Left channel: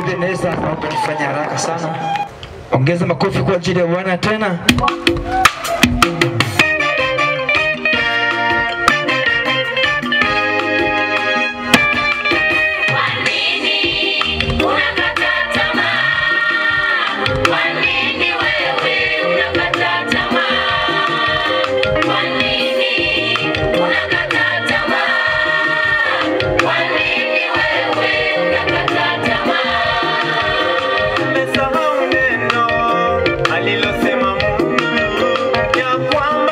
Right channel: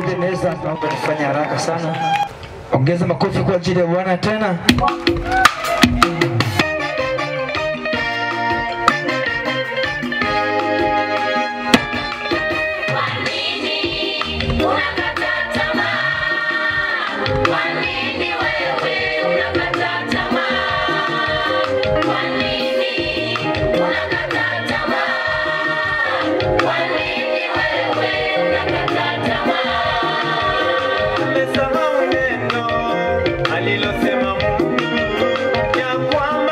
Ebeneza naomba kufanya haraka sana. Ongeza makofi kwa ajili ya Bwana tena. Alilosema Mungu ya kwamba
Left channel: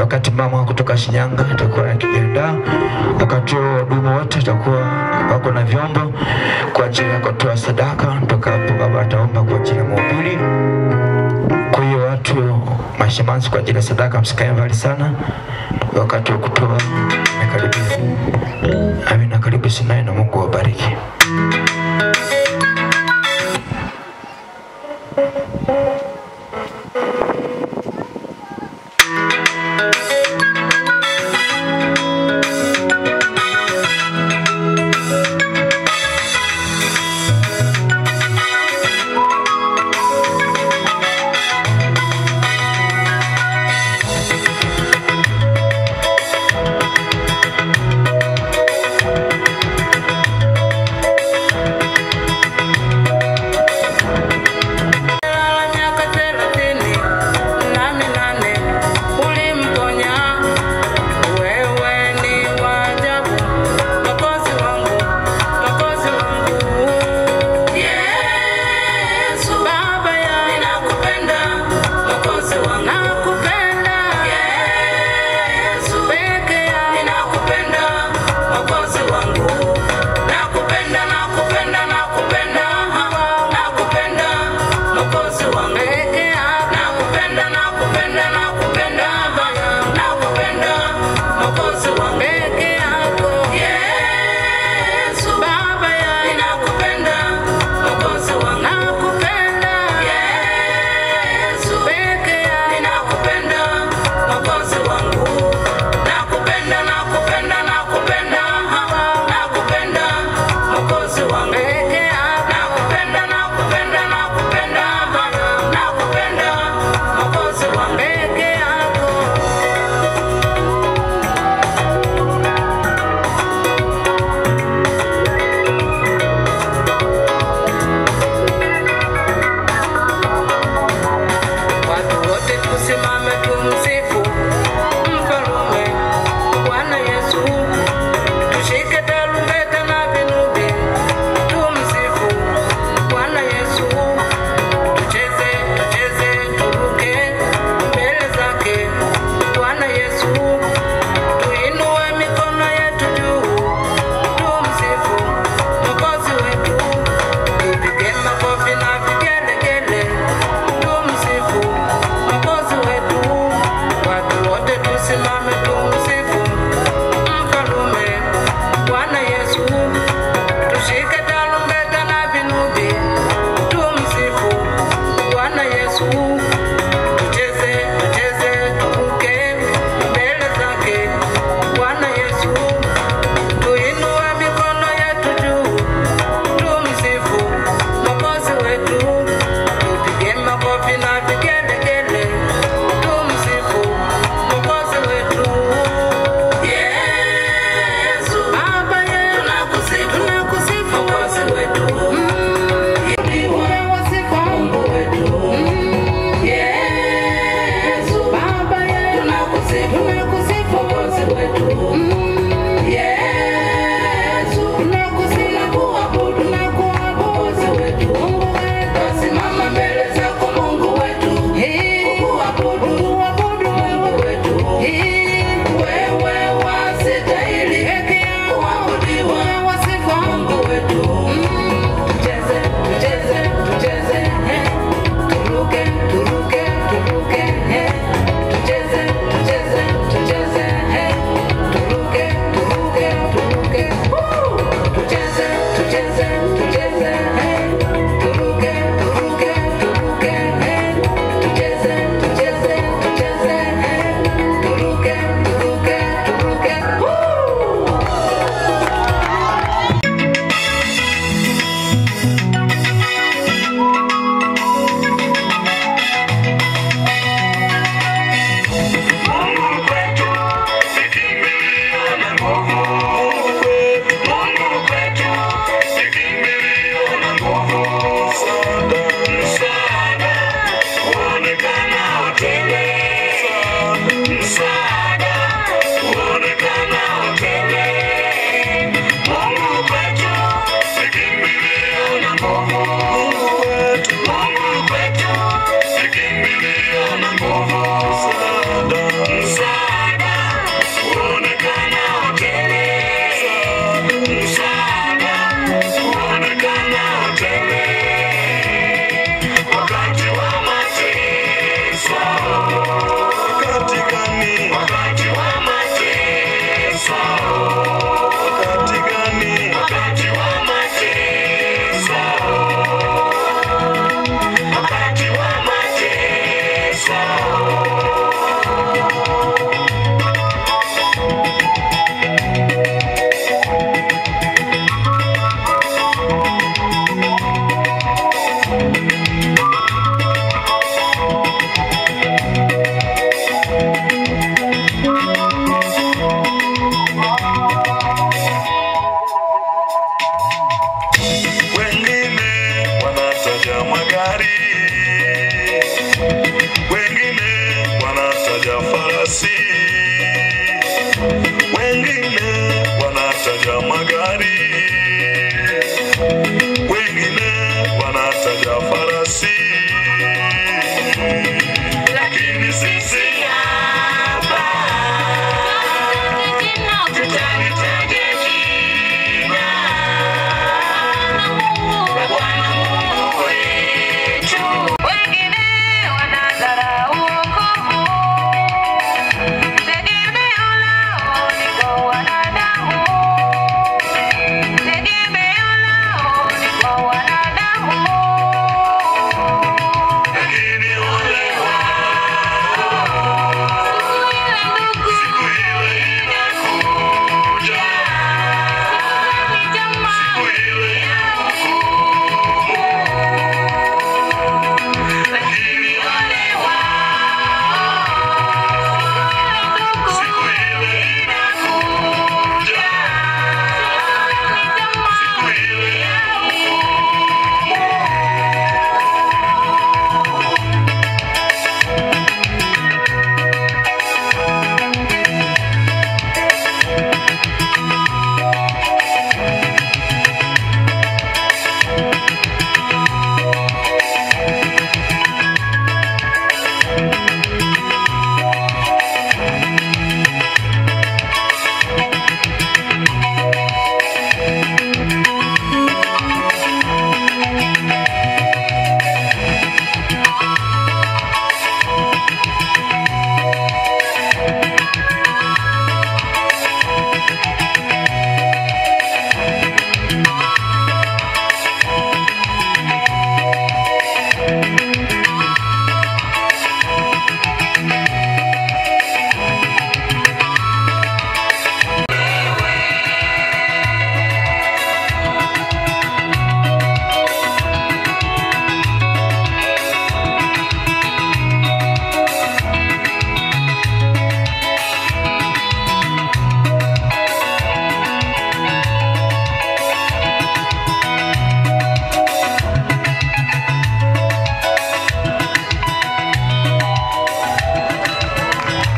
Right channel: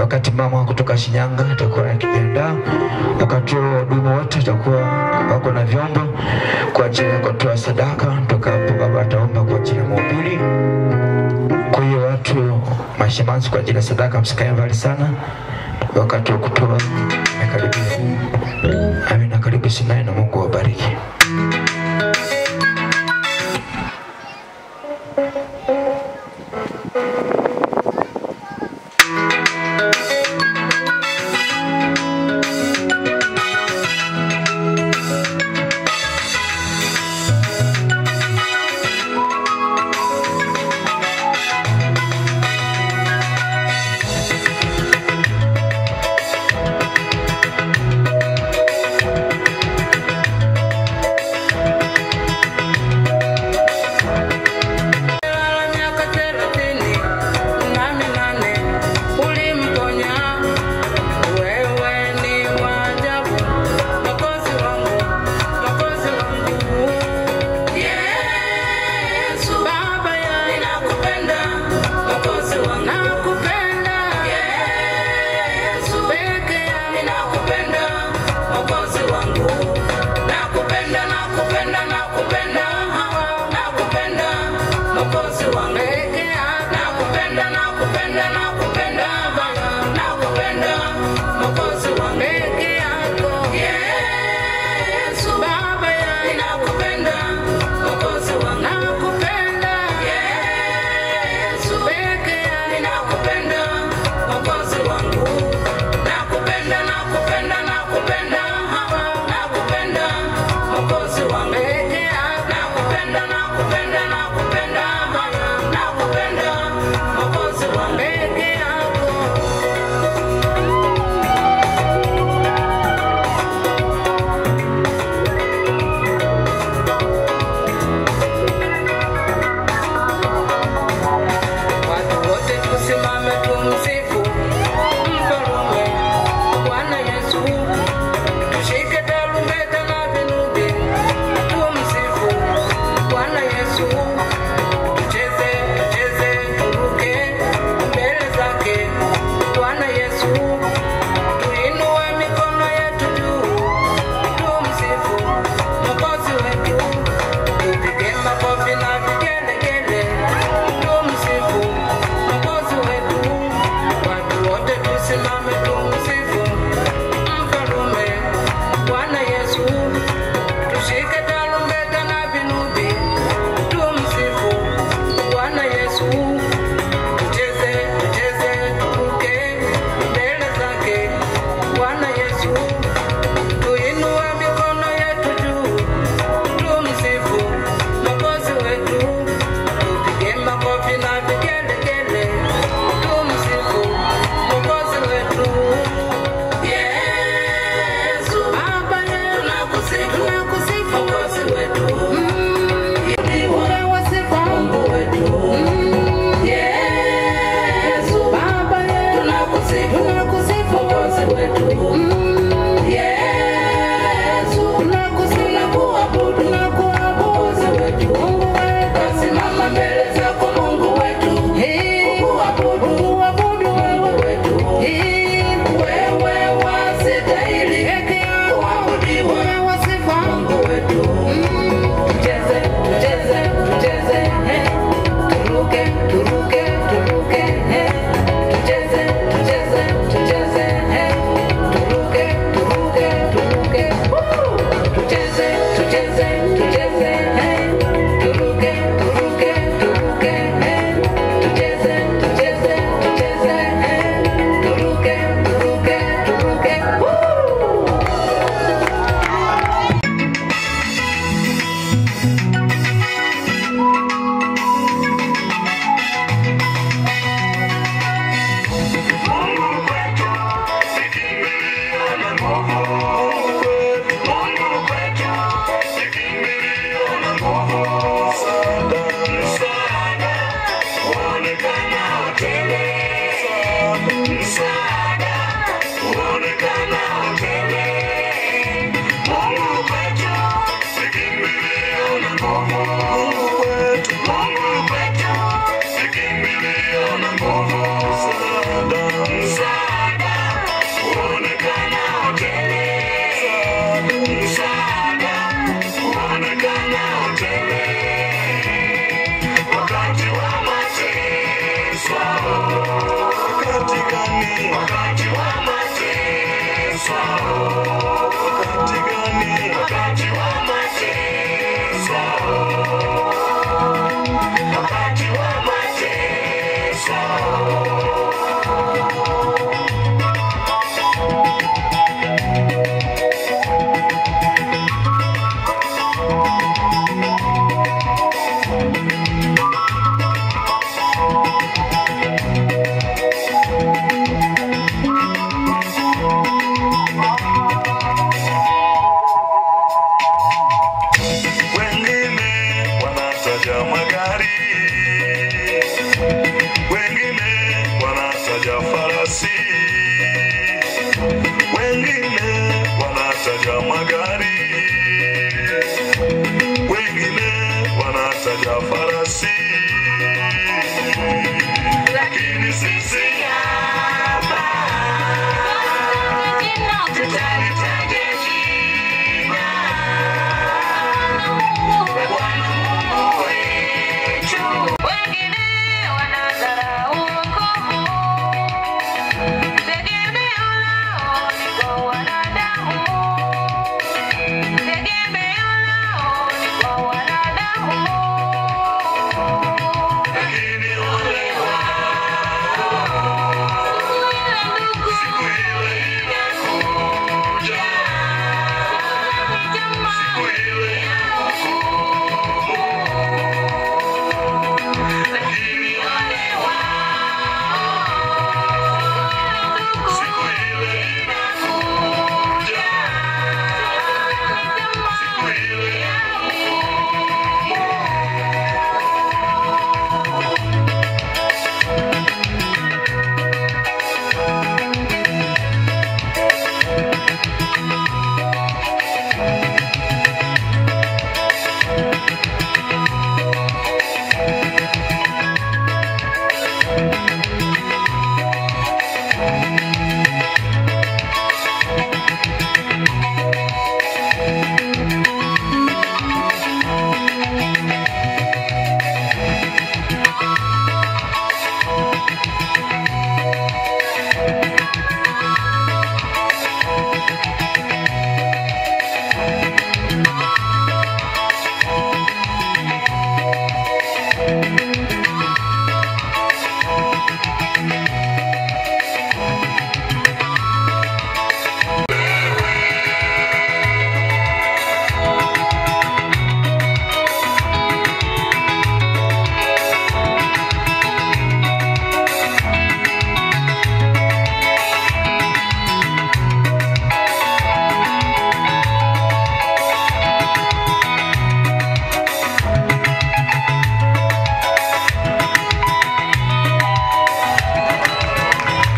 Wakati mama kutoka Shinyanga atakuwa akijiandaa, wakati wahudumu wote atakuwa wako na vyombo kwa ajili ya kutoa sadaka. Kutoka hapo baba ataomba kwa ajili ya mhubiri. Kwa hiyo watu mashimanzi kwa ajili ya sadaka msikae mbali sana, wakati wa kutoa umekaribia. Amina, karibu sana na Mungu awabariki.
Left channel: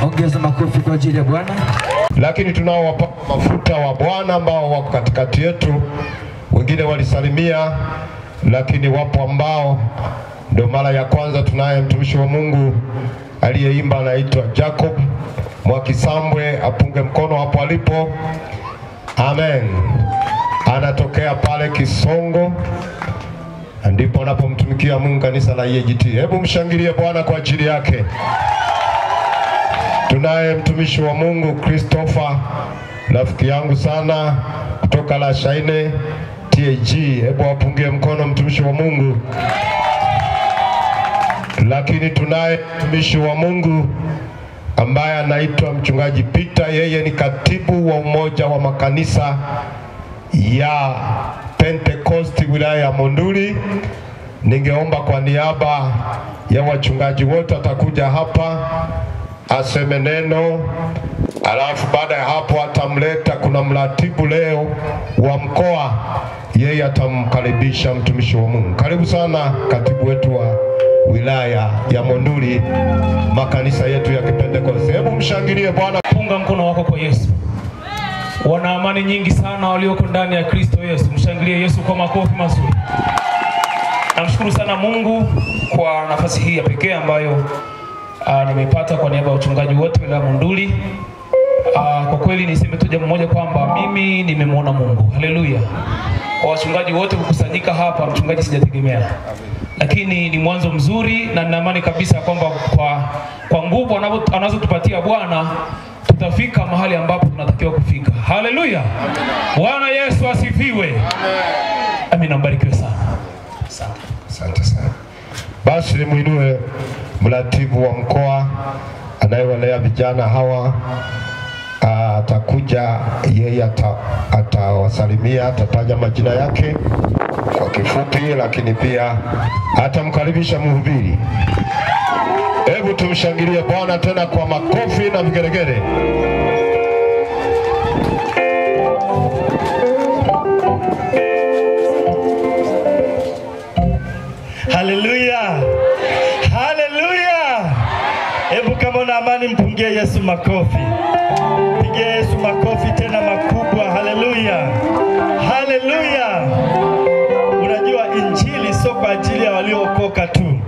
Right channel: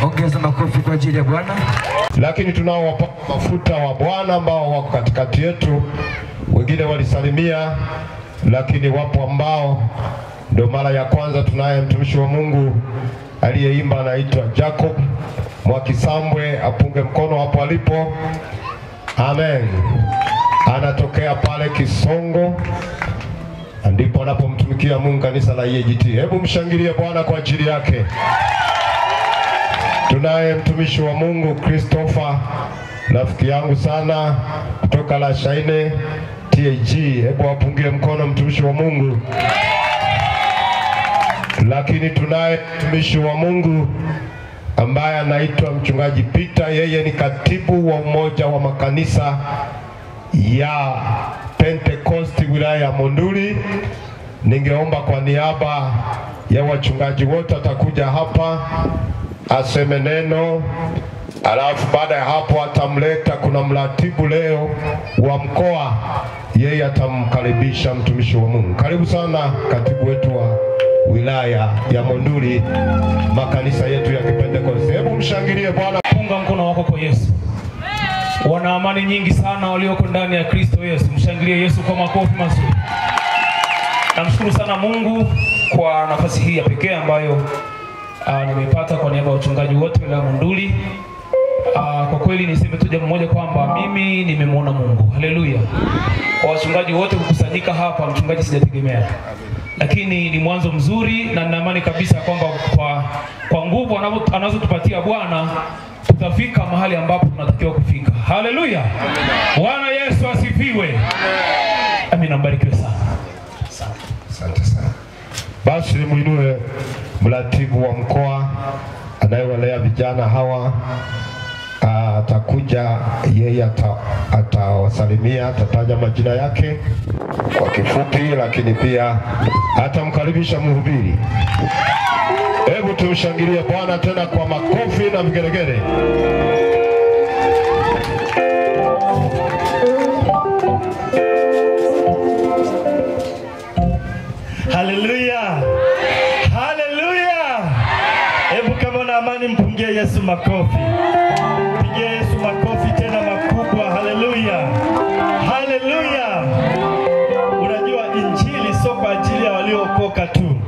Ongeza makofi kwa ajili ya Bwana. Lakini tunao wapaka mafuta wa Bwana ambao wako katikati yetu. Wengine walisalimia, lakini wapo ambao ndio mara ya kwanza. Tunaye mtumishi wa Mungu aliyeimba, anaitwa Jacob Mwakisambwe, apunge mkono hapo alipo. Amen. Anatokea pale Kisongo, ndipo anapomtumikia Mungu kanisa la EAGT. Hebu mshangilie Bwana kwa ajili yake. Tunaye mtumishi wa Mungu Christopher, rafiki yangu sana, kutoka la Shaine TAG. Hebu apungie mkono mtumishi wa Mungu. Lakini tunaye mtumishi wa Mungu ambaye anaitwa mchungaji Peter. Yeye ni katibu wa umoja wa makanisa ya Pentecost wilaya ya Monduli. Ningeomba kwa niaba ya wachungaji wote atakuja hapa aseme neno, alafu baada ya hapo atamleta, kuna mratibu leo wa mkoa, yeye atamkaribisha mtumishi wa Mungu. Karibu sana katibu wetu wa wilaya ya Monduli, makanisa yetu ya Pentecost. Hebu mshangilie Bwana. Punga mkono wako kwa Yesu. Wana amani nyingi sana walioko ndani ya Kristo Yesu. Mshangilie Yesu kwa makofi mazuri. Namshukuru sana Mungu kwa nafasi hii ya pekee ambayo nimepata kwa niaba ya wachungaji wote wa Monduli. Kwa kweli niseme tu jambo moja kwamba mimi nimemwona Mungu. Haleluya. Kwa wachungaji wote kukusanyika hapa, mchungaji sijategemea. Lakini ni mwanzo mzuri na ninaamini kabisa kwamba kwa nguvu anazotupatia Bwana tutafika mahali ambapo tunatakiwa kufika. Haleluya. Bwana Yesu asifiwe. Amen. Amina, mbarikiwe sana. Asante sana. Basi muinue mratibu wa mkoa anayewalea vijana hawa, atakuja yeye, atawasalimia, atataja majina yake kwa kifupi, lakini pia atamkaribisha mhubiri. Hebu tumshangilie Bwana tena kwa makofi na vigelegele. Haleluya. Haleluya. Hebu kama una amani mpungie Yesu makofi. Pigie Yesu makofi tena makubwa. Haleluya. Haleluya. Unajua injili sio kwa ajili ya waliookoka tu.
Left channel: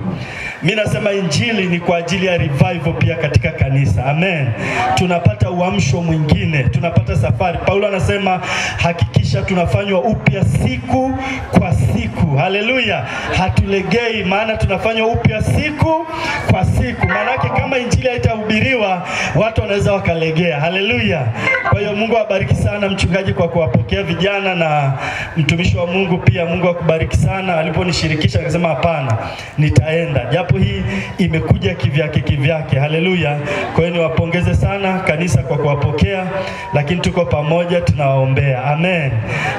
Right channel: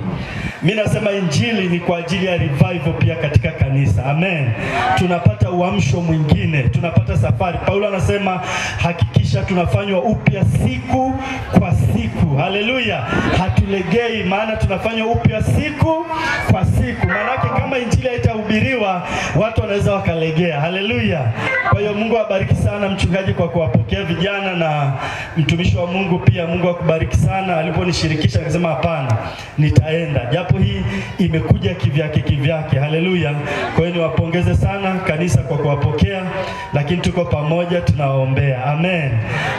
Mimi nasema injili ni kwa ajili ya revival pia katika kanisa. Amen. Tunapata uamsho mwingine, tunapata safari. Paulo anasema hakikisha tunafanywa upya siku kwa siku. Haleluya. Hatulegei, maana tunafanywa upya siku kwa siku. Maana kama injili haitahubiriwa, watu wanaweza wakalegea. Haleluya. Kwa hiyo Mungu awabariki sana mchungaji kwa kuwapokea vijana, na mtumishi wa Mungu pia Mungu akubariki sana. Aliponishirikisha akasema hapana, nitaenda. Japo hii imekuja kivyake. Haleluya. Kwa hiyo niwapongeze sana kanisa kwa kuwapokea, lakini tuko pamoja, tunawaombea. Amen.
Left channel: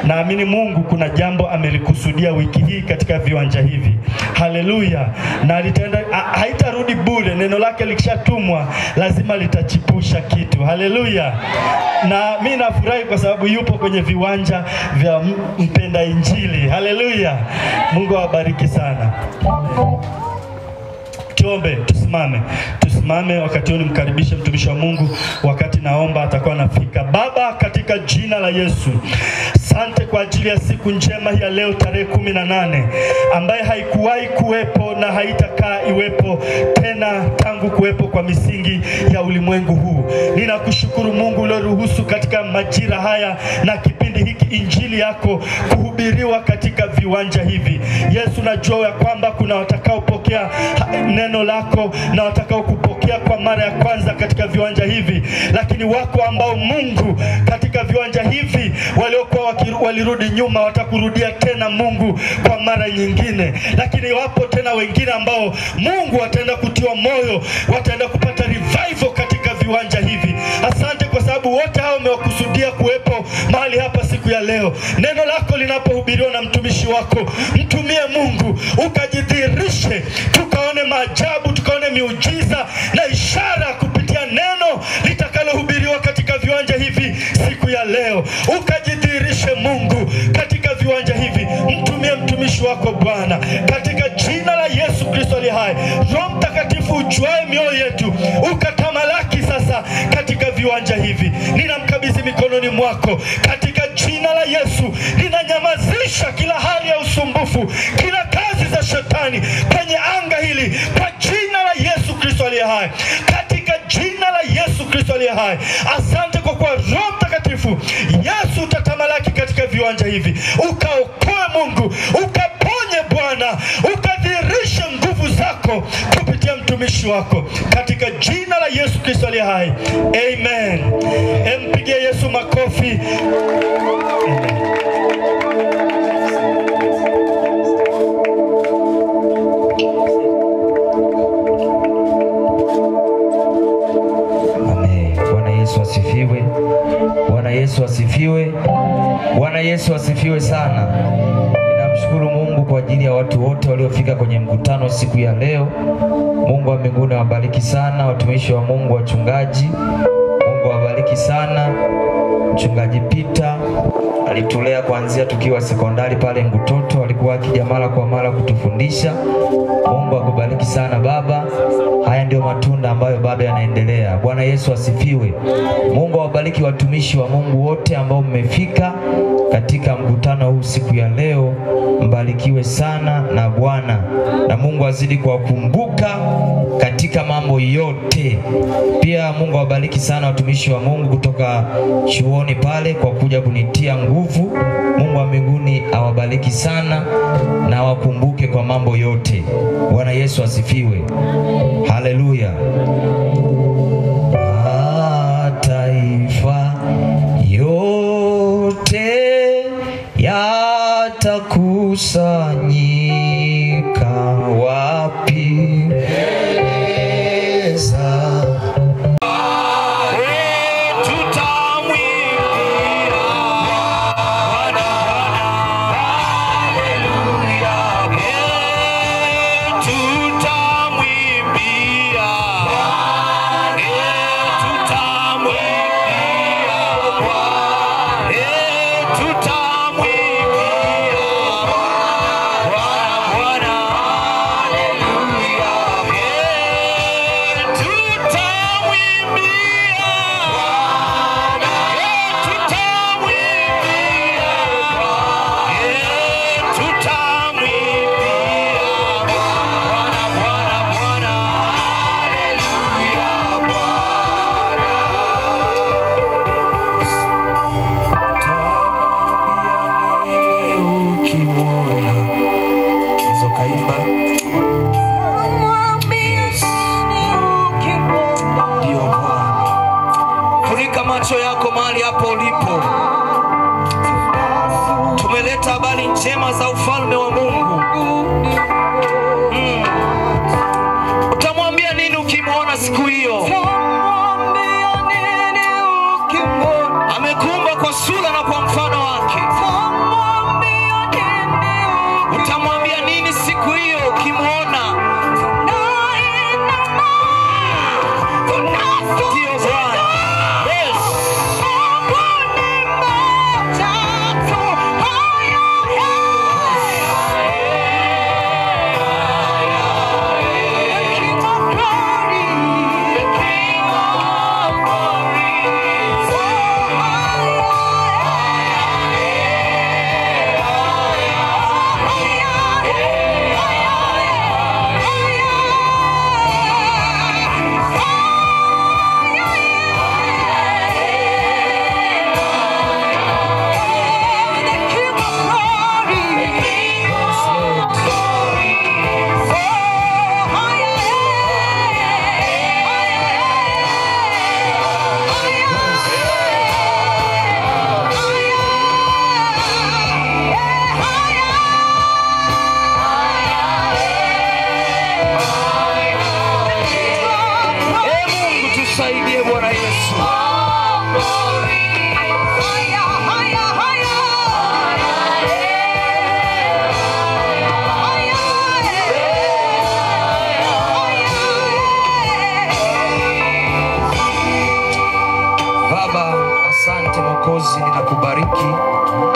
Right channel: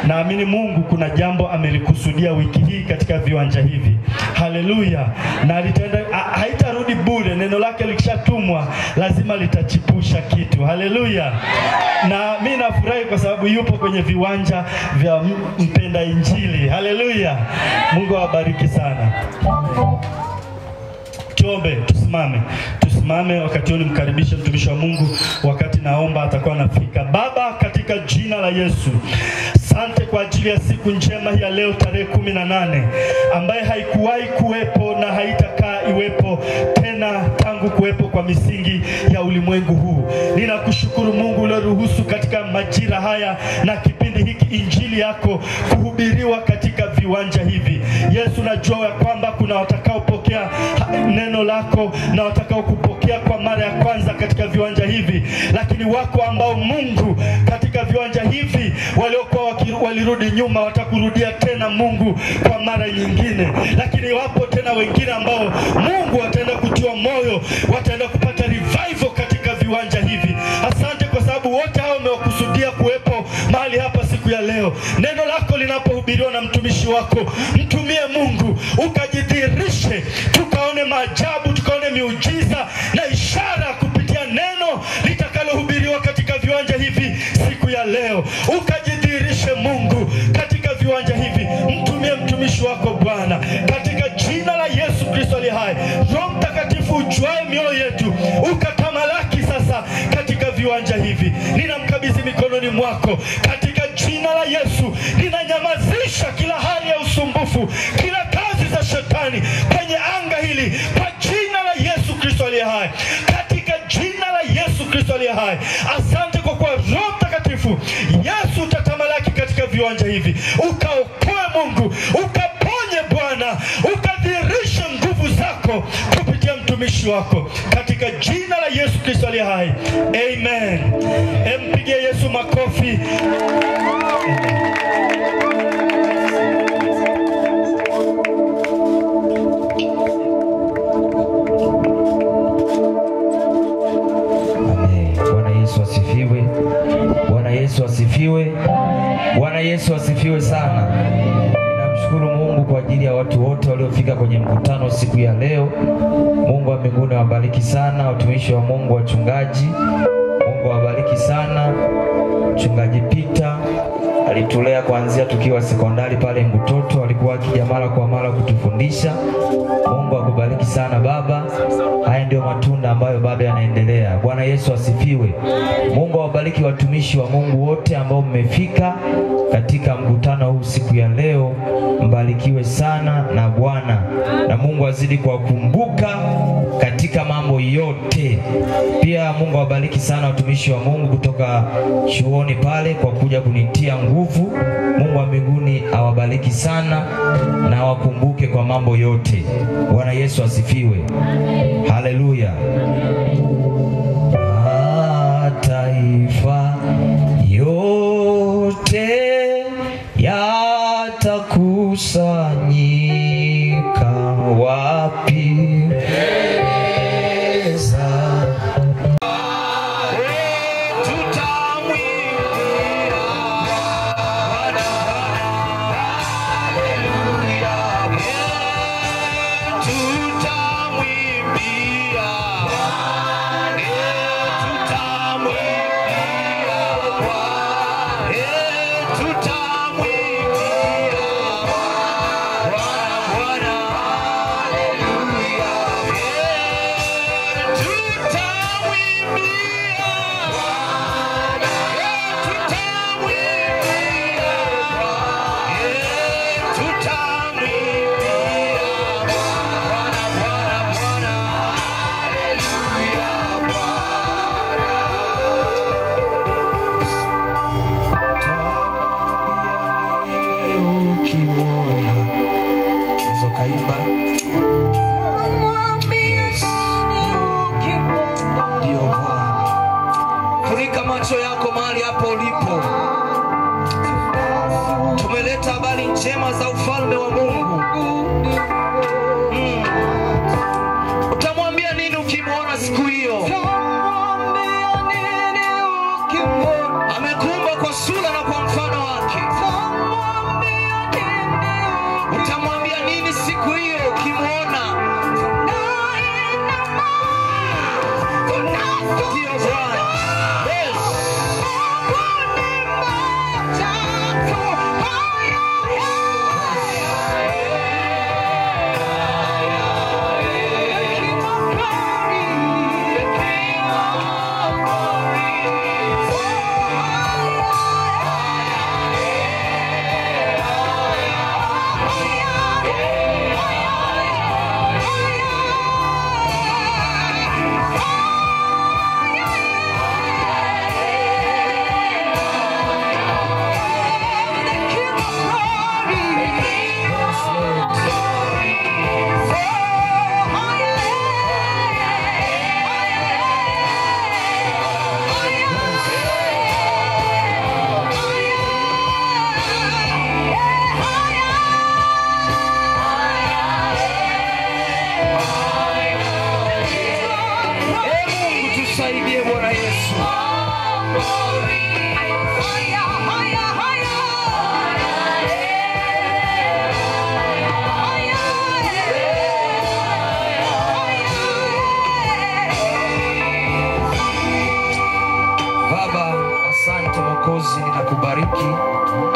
Naamini Mungu kuna jambo amelikusudia wiki hii katika viwanja hivi. Haleluya. Na litaenda, haitarudi bure. Neno lake likishatumwa lazima litachipusha kitu. Haleluya. Na mimi nafurahi kwa sababu yupo kwenye viwanja vya mpenda injili. Haleluya. Mungu awabariki sana. Tuombe, tusimame wakati huu nimkaribishe mtumishi wa Mungu. Wakati naomba atakuwa anafika. Baba, katika jina la Yesu, asante kwa ajili ya siku njema hii ya leo tarehe 18 ambaye haikuwahi kuwepo na haitakaa iwepo tena tangu kuwepo kwa misingi ya ulimwengu huu. Ninakushukuru Mungu ulioruhusu katika majira haya na kipindi hiki injili yako kuhubiriwa katika viwanja hivi. Yesu, najua ya kwamba kuna watakaopokea neno lako na watakao kupokea kwa mara ya kwanza katika viwanja hivi, lakini wako ambao Mungu katika viwanja hivi waliokuwa walirudi nyuma watakurudia tena Mungu kwa mara nyingine, lakini wapo tena wengine ambao Mungu wataenda kutiwa moyo, wataenda kupata revival katika viwanja hivi. Asante kwa sababu wote hao umewakusudia kuwepo mahali hapa siku ya leo. Neno lako linapohubiriwa na mtumishi wako, mtumie Mungu ukajidhihirishe, tukaone maajabu, tukaone miujiza na ishara kupitia neno litakalohubiriwa katika viwanja hivi siku ya leo. Ukajidhihirishe Mungu katika viwanja hivi. Mtumie mtumishi wako Bwana katika jina la Yesu Kristo aliye hai. Roho Mtakatifu ujuae mioyo yetu ukatamalaki sasa katika viwanja hivi. Ninamkabidhi mikononi mwako katika jina la Yesu. Ninanyamazisha kila hali ya usumbufu, kila kazi za shetani kwenye anga hili kwa jina la Yesu Kristo aliye hai. Katika jina la Yesu Kristo aliye hai. Asante kwa kuwa Roho Mtakatifu Yesu utatamalaki katika viwanja hivi. Ukaokoe Mungu, ukaponye Bwana, ukadhihirishe nguvu zako kupitia mtumishi wako katika jina la Yesu Kristo aliye hai. Amen. Mpigie Yesu makofi. Amen. Bwana Yesu asifiwe. Bwana Yesu asifiwe. Bwana Yesu asifiwe sana. Namshukuru Mungu kwa ajili ya watu wote waliofika kwenye mkutano siku ya leo. Mungu wa mbinguni awabariki sana watumishi wa Mungu, wachungaji. Mungu awabariki sana. Mchungaji Peter alitulea kuanzia tukiwa sekondari pale Ngutoto, alikuwa akija mara kwa mara kutufundisha. Mungu akubariki sana baba. Haya ndio matunda ambayo baba yanaendelea. Bwana Yesu asifiwe. Mungu awabariki watumishi wa Mungu wote ambao mmefika. katika mkutano huu siku ya leo. Mbarikiwe sana na Bwana, na Mungu azidi kuwakumbuka katika mambo yote. Pia Mungu awabariki sana watumishi wa Mungu kutoka chuoni pale kwa kuja kunitia nguvu. Mungu wa mbinguni awabariki sana na awakumbuke kwa mambo yote. Bwana Yesu asifiwe. Haleluya. Mataifa yote yatakusanyika wapi?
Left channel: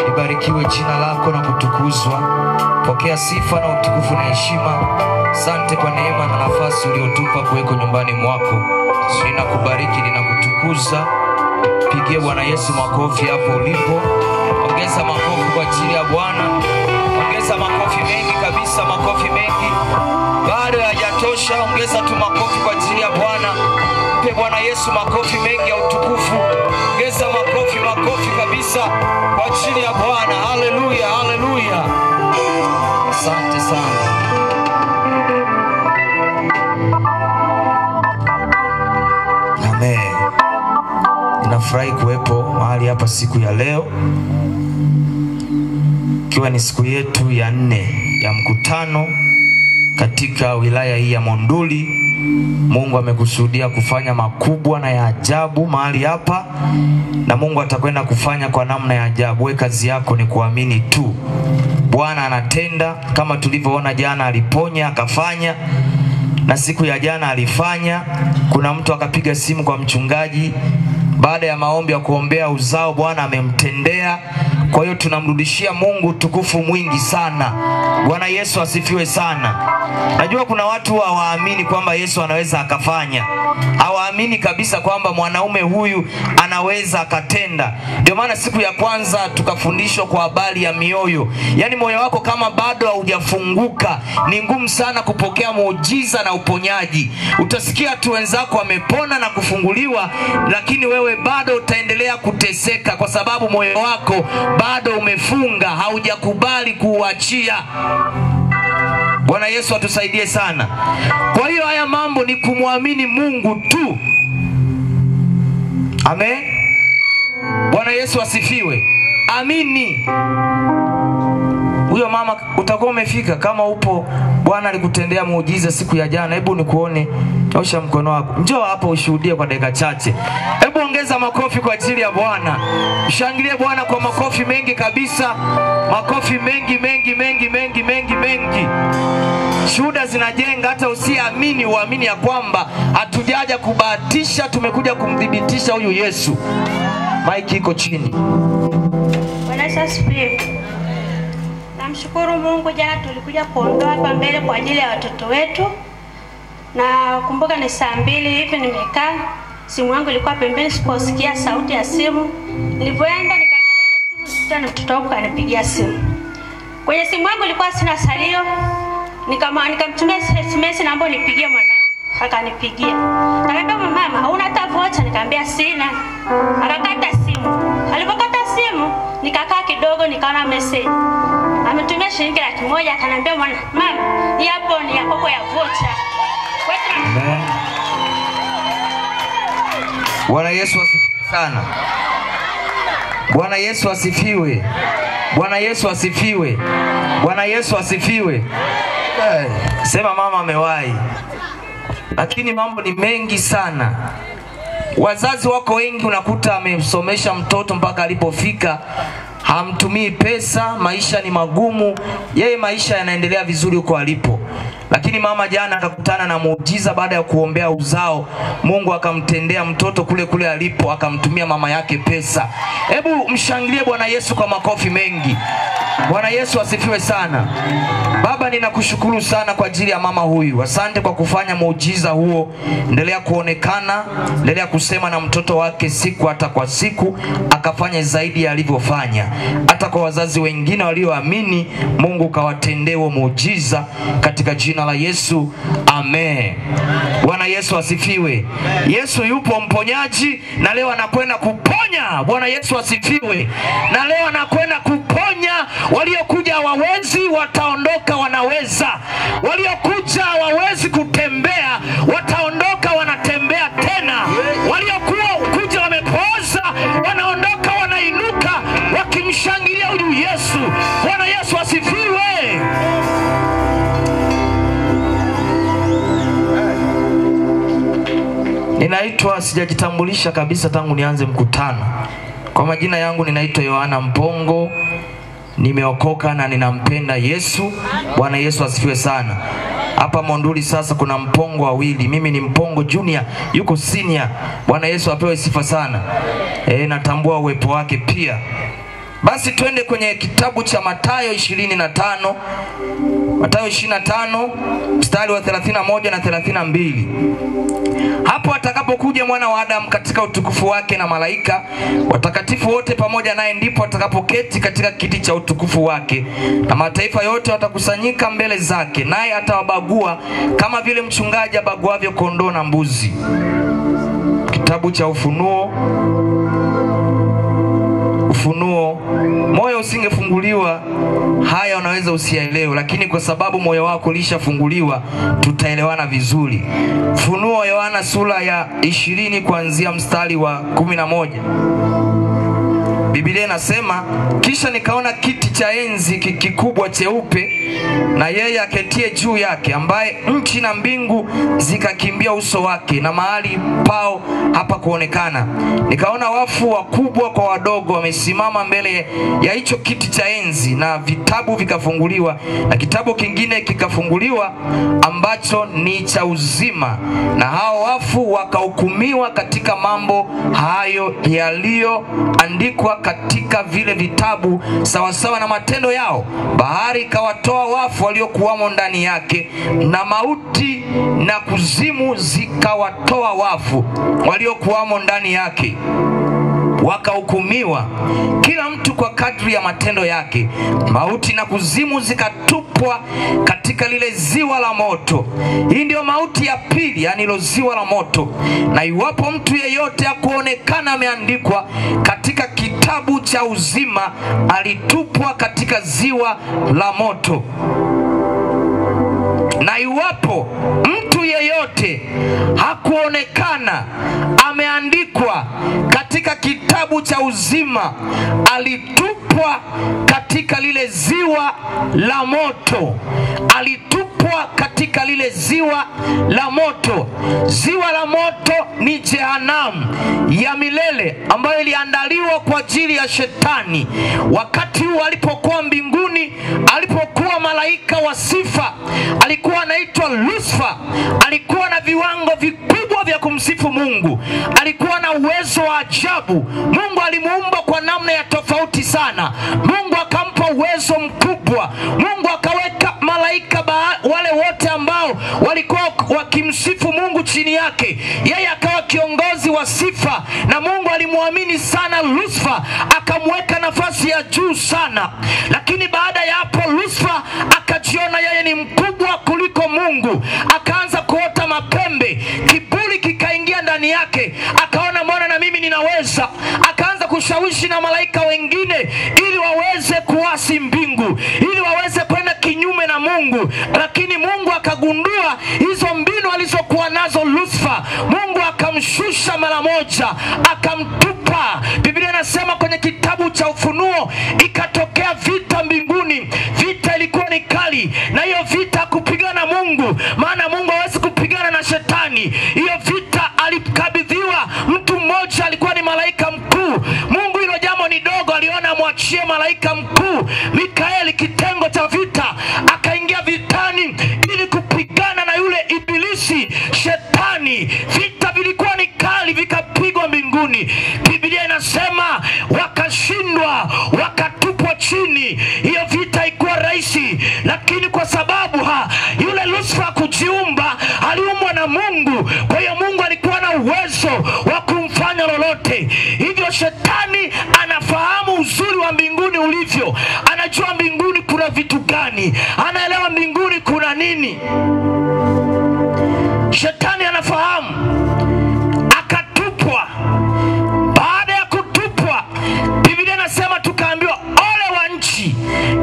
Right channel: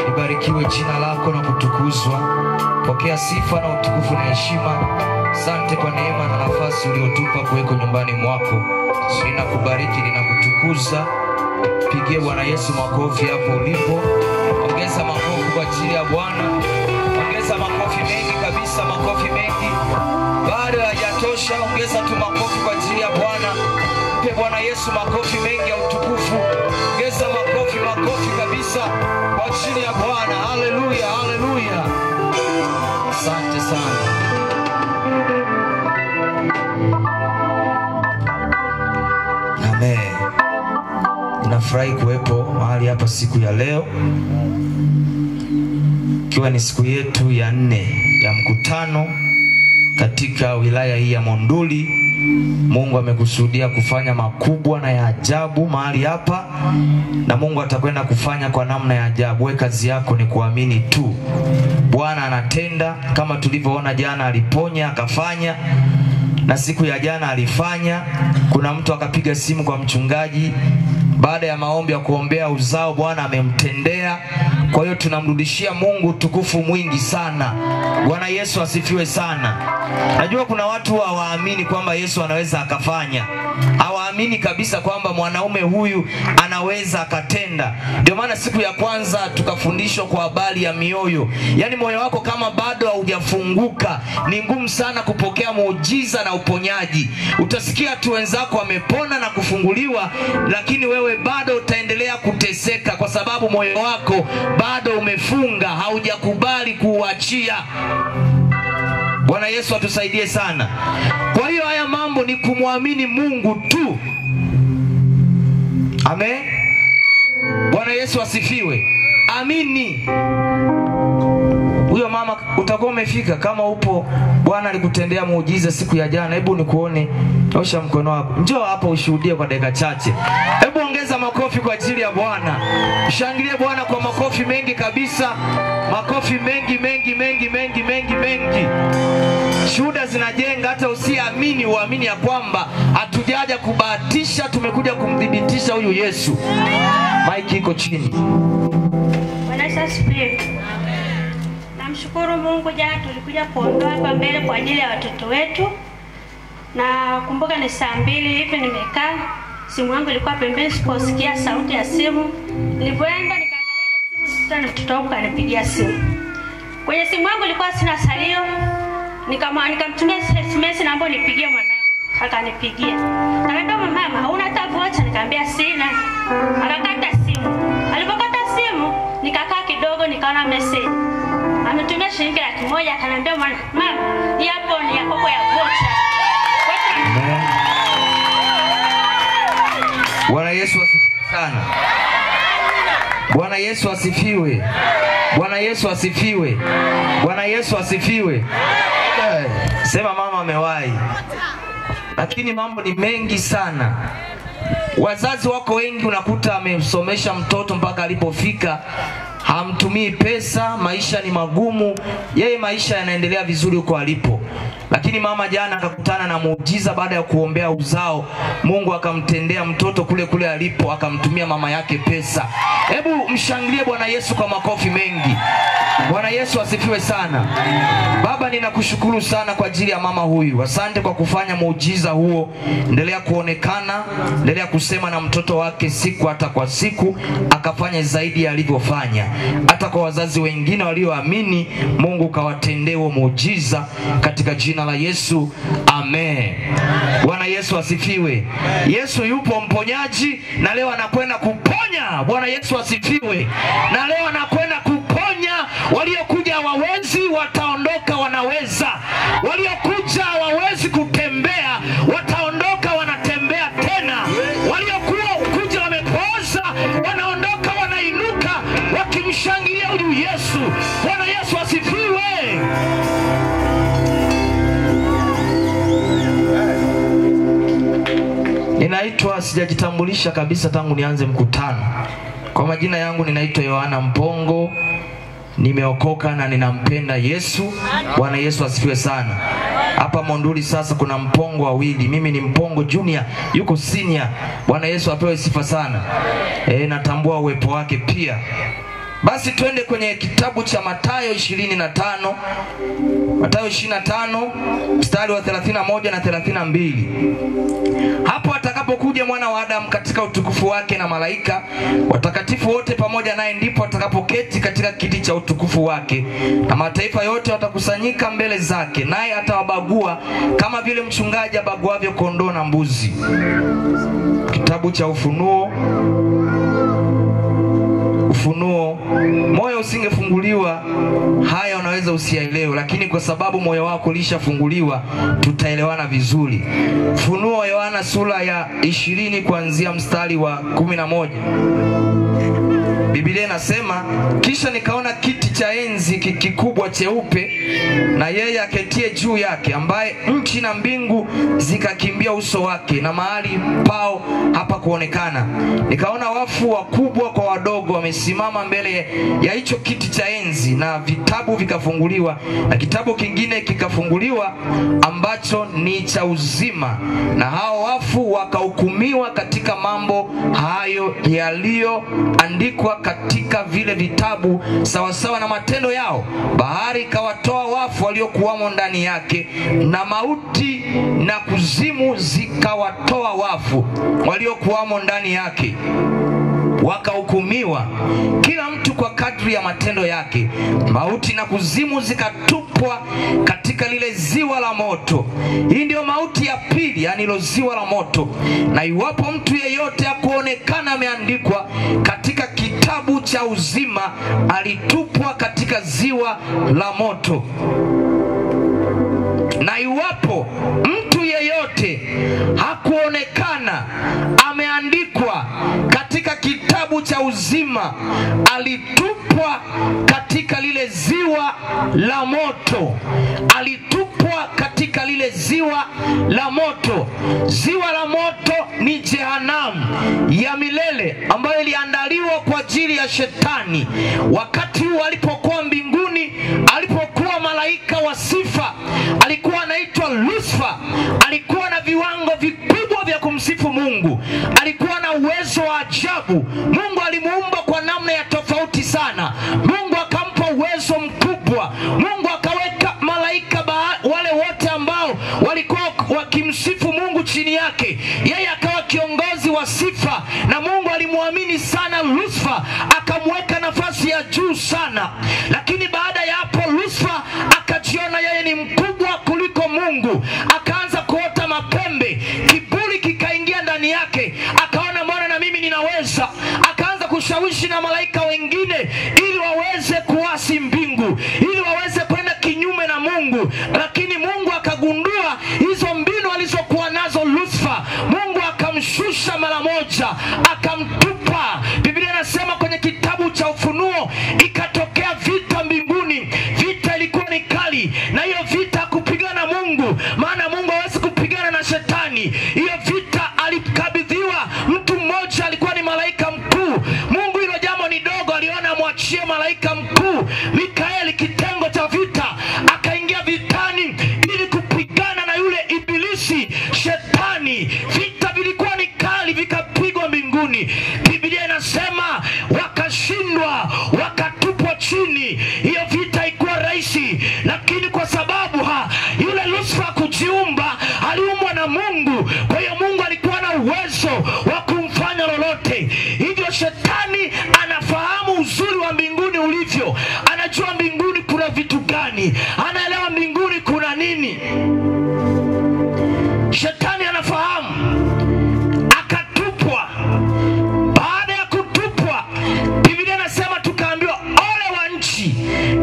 Libarikiwe jina lako na kutukuzwa. Pokea sifa na utukufu na heshima. Asante kwa neema na nafasi uliotupa kuweko nyumbani mwako. Ninakubariki, ninakutukuza. Pigie Bwana Yesu makofi hapo ulipo. Ongeza makofi kwa ajili ya Bwana. Ongeza makofi mengi kabisa, makofi mengi. Bado hayajatosha, ongeza tu makofi kwa ajili ya Bwana. Mpe Bwana Yesu makofi mengi ya utukufu. Ongeza makofi kabisa kwa ajili ya Bwana. Haleluya, haleluya. Asante sana. Amen. Ninafurahi kuwepo mahali hapa siku ya leo, ikiwa ni siku yetu ya 4 ya mkutano katika wilaya hii ya Monduli. Mungu amekusudia kufanya makubwa na ya ajabu mahali hapa, na Mungu atakwenda kufanya kwa namna ya ajabu. Wewe kazi yako ni kuamini tu. Bwana anatenda, kama tulivyoona jana aliponya akafanya, na siku ya jana alifanya. Kuna mtu akapiga simu kwa mchungaji baada ya maombi ya kuombea uzao, Bwana amemtendea. Kwa hiyo tunamrudishia Mungu tukufu mwingi sana. Bwana Yesu asifiwe sana. Najua kuna watu hawaamini kwamba Yesu anaweza akafanya. Hawaamini kabisa kwamba mwanaume huyu anaweza akatenda. Ndio maana siku ya kwanza tukafundishwa kwa habari ya mioyo. Yaani moyo wako kama bado haujafunguka, ni ngumu sana kupokea muujiza na uponyaji. Utasikia tu wenzako wamepona na kufunguliwa, lakini wewe bado utaendelea kuteseka kwa sababu moyo wako bado umefunga, haujakubali kuuachia. Bwana Yesu atusaidie sana. Kwa hiyo haya mambo ni kumwamini Mungu tu. Amen. Bwana Yesu asifiwe. Amini. Huyo mama utakuwa umefika kama upo Bwana alikutendea muujiza siku ya jana. Hebu nikuone, nyosha mkono wako. Njoo hapa ushuhudie kwa dakika chache. Hebu ongeza makofi kwa ajili ya Bwana. Mshangilie Bwana kwa makofi mengi kabisa. Makofi mengi mengi mengi mengi mengi mengi. Shuhuda zinajenga, hata usiamini uamini ya kwamba hatujaja kubahatisha, tumekuja kumdhibitisha huyu Yesu. Mike iko chini. Bwana Yesu asifiwe. Namshukuru Mungu, jana tulikuja kuondoa hapa mbele kwa ajili ya watoto wetu. Na kumbuka ni saa 2 hivi nimekaa, simu yangu ilikuwa pembeni, sikusikia sauti ya simu. Nilipoenda nikaangalia simu, tena mtoto wangu kanipigia simu. Kwenye simu yangu ilikuwa sina salio. Nikamtumia SMS naomba nipigie mwanangu. Akanipigia. Nikamwambia mama, hauna hata vocha? Nikamwambia sina. Akakata simu. Alipokata simu, nikakaa kidogo nikaona message. Ametumia shilingi 100, akaniambia mama, hii hapo ni yako ya vocha. Bwana Yesu asifiwe sana. Bwana Yesu asifiwe. Bwana Yesu asifiwe. Bwana Yesu asifiwe. Sema mama amewahi. Lakini mambo ni mengi sana. Wazazi wako wengi unakuta amemsomesha mtoto mpaka alipofika, hamtumii pesa, maisha ni magumu, yeye maisha yanaendelea vizuri huko alipo. Lakini mama jana akakutana na muujiza baada ya kuombea uzao. Mungu akamtendea mtoto kule kule alipo, akamtumia mama yake pesa. Hebu mshangilie Bwana Yesu kwa makofi mengi. Bwana Yesu asifiwe sana. Baba, ninakushukuru sana kwa ajili ya mama huyu. Asante kwa kufanya muujiza huo. Endelea kuonekana, endelea kusema na mtoto wake siku hata kwa siku, akafanya zaidi ya alivyofanya. Hata kwa wazazi wengine walioamini, Mungu kawatendee muujiza katika jina la Yesu. Amen. Bwana Yesu asifiwe. Yesu yupo mponyaji na leo anakwenda kuponya. Bwana Yesu asifiwe. Na leo anakwenda kuponya. Waliokuja hawawezi, wataondoka wanaweza. Waliokuja hawawezi kutembea, wataondoka wanatembea tena. Waliokuwa kuja wamepooza, wanaondoka wanainuka wakimshangilia huyu Yesu. Bwana Yesu asifiwe. Ninaitwa, sijajitambulisha kabisa tangu nianze mkutano. Kwa majina yangu ninaitwa Yohana Mpongo. Nimeokoka na ninampenda Yesu. Bwana Yesu asifiwe sana. Hapa Monduli sasa kuna Mpongo wawili. Mimi ni Mpongo Junior, yuko senior. Bwana Yesu apewe sifa sana. Natambua uwepo wake pia. Basi twende kwenye kitabu cha Mathayo 25. Mathayo 25 mstari wa 31 na 32. Hapo atakapokuja mwana wa Adamu katika utukufu wake na malaika watakatifu wote pamoja naye, ndipo atakapoketi katika kiti cha utukufu wake, na mataifa yote watakusanyika mbele zake, naye atawabagua kama vile mchungaji abaguavyo kondoo na mbuzi. Kitabu cha Ufunuo. Moyo usingefunguliwa haya unaweza usiyaelewe, lakini kwa sababu moyo wako ulishafunguliwa tutaelewana vizuri. Ufunuo Yohana sura ya 20 kuanzia mstari wa 11. Biblia inasema, kisha nikaona kiti cha enzi kikubwa cheupe na yeye aketie juu yake, ambaye nchi na mbingu zikakimbia uso wake, na mahali pao hapa kuonekana. Nikaona wafu wakubwa kwa wadogo wamesimama mbele ya hicho kiti cha enzi, na vitabu vikafunguliwa, na kitabu kingine kikafunguliwa ambacho ni cha uzima, na hao wafu wakahukumiwa katika mambo hayo yaliyoandikwa katika vile vitabu sawasawa na matendo yao. Bahari ikawatoa wafu waliokuwamo ndani yake, na mauti na kuzimu zikawatoa wafu waliokuwamo ndani yake. Wakahukumiwa kila mtu kwa kadri ya matendo yake. Mauti na kuzimu zikatupwa katika lile ziwa la moto. Hii ndio mauti ya pili, yani ilo ziwa la moto. Na iwapo mtu yeyote hakuonekana ameandikwa katika kitabu cha uzima, alitupwa katika ziwa la moto. Na iwapo mtu yeyote hakuonekana ameandikwa katika kitabu cha uzima, alitupwa katika lile ziwa la moto. Alitupwa katika lile ziwa la moto. Ziwa la moto ni jehanamu ya milele ambayo iliandaliwa kwa ajili ya shetani. Wakati huu alipokuwa mbinguni, alipokuwa malaika wa sifa, alikuwa anaitwa Lucifer. Alikuwa na viwango vikubwa vya kumsifu Mungu. Alikuwa na uwezo wa ajabu. Mungu alimuumba kwa namna ya tofauti sana. Mungu akampa uwezo mkubwa. Mungu akaweka malaika wale wote ambao walikuwa wakimsifu Mungu chini yake. Yeye akawa kiongozi wa sifa, na Mungu alimuamini sana Lucifer, akamweka nafasi ya juu sana. Lakini baada ya hapo Lucifer akajiona yeye ni mkubwa kuliko Mungu. Akaanza kuota mapembe, kiburi kikaingia ndani yake. Akaona mbona na mimi ninaweza. Akaanza kushawishi na malaika wengine ili waweze kuasi mbingu, ili waweze kwenda kinyume na Mungu. Lakini Mungu akagundua hizo mbinu alizokuwa nazo Lucifer. Mungu akamshusha mara moja, akamtupa. Biblia inasema kwenye kitabu cha Ufunuo, ikatokea vita mbinguni. Vita ilikuwa ni kali, na hiyo vita kupigana Mungu, maana Mungu hawezi kupigana na shetani. Hiyo vita alikabidhiwa mtu mmoja, alikuwa ni malaika mkuu. Mungu hilo jambo ni dogo, aliona amwachie malaika mkuu Mikaeli kitengo cha vita. Akaingia vitani ili kupigana na yule ibilisi shetani. Vita vilikuwa ni kali, vikapigwa mbinguni. Biblia inasema wakashindwa, wakatupwa chini. Hiyo vita haikuwa rahisi, lakini kwa sababu yule Lucifer kujiumba, aliumbwa na Mungu. Kwa hiyo Mungu alikuwa na uwezo wa kumfanya lolote. Hivyo shetani anafahamu uzuri wa mbinguni ulivyo. Anajua mbinguni kuna vitu gani, anaelewa mbinguni kuna nini. Shetani anafahamu. Akatupwa. Baada ya kutupwa, Biblia inasema tukaambiwa ole wa nchi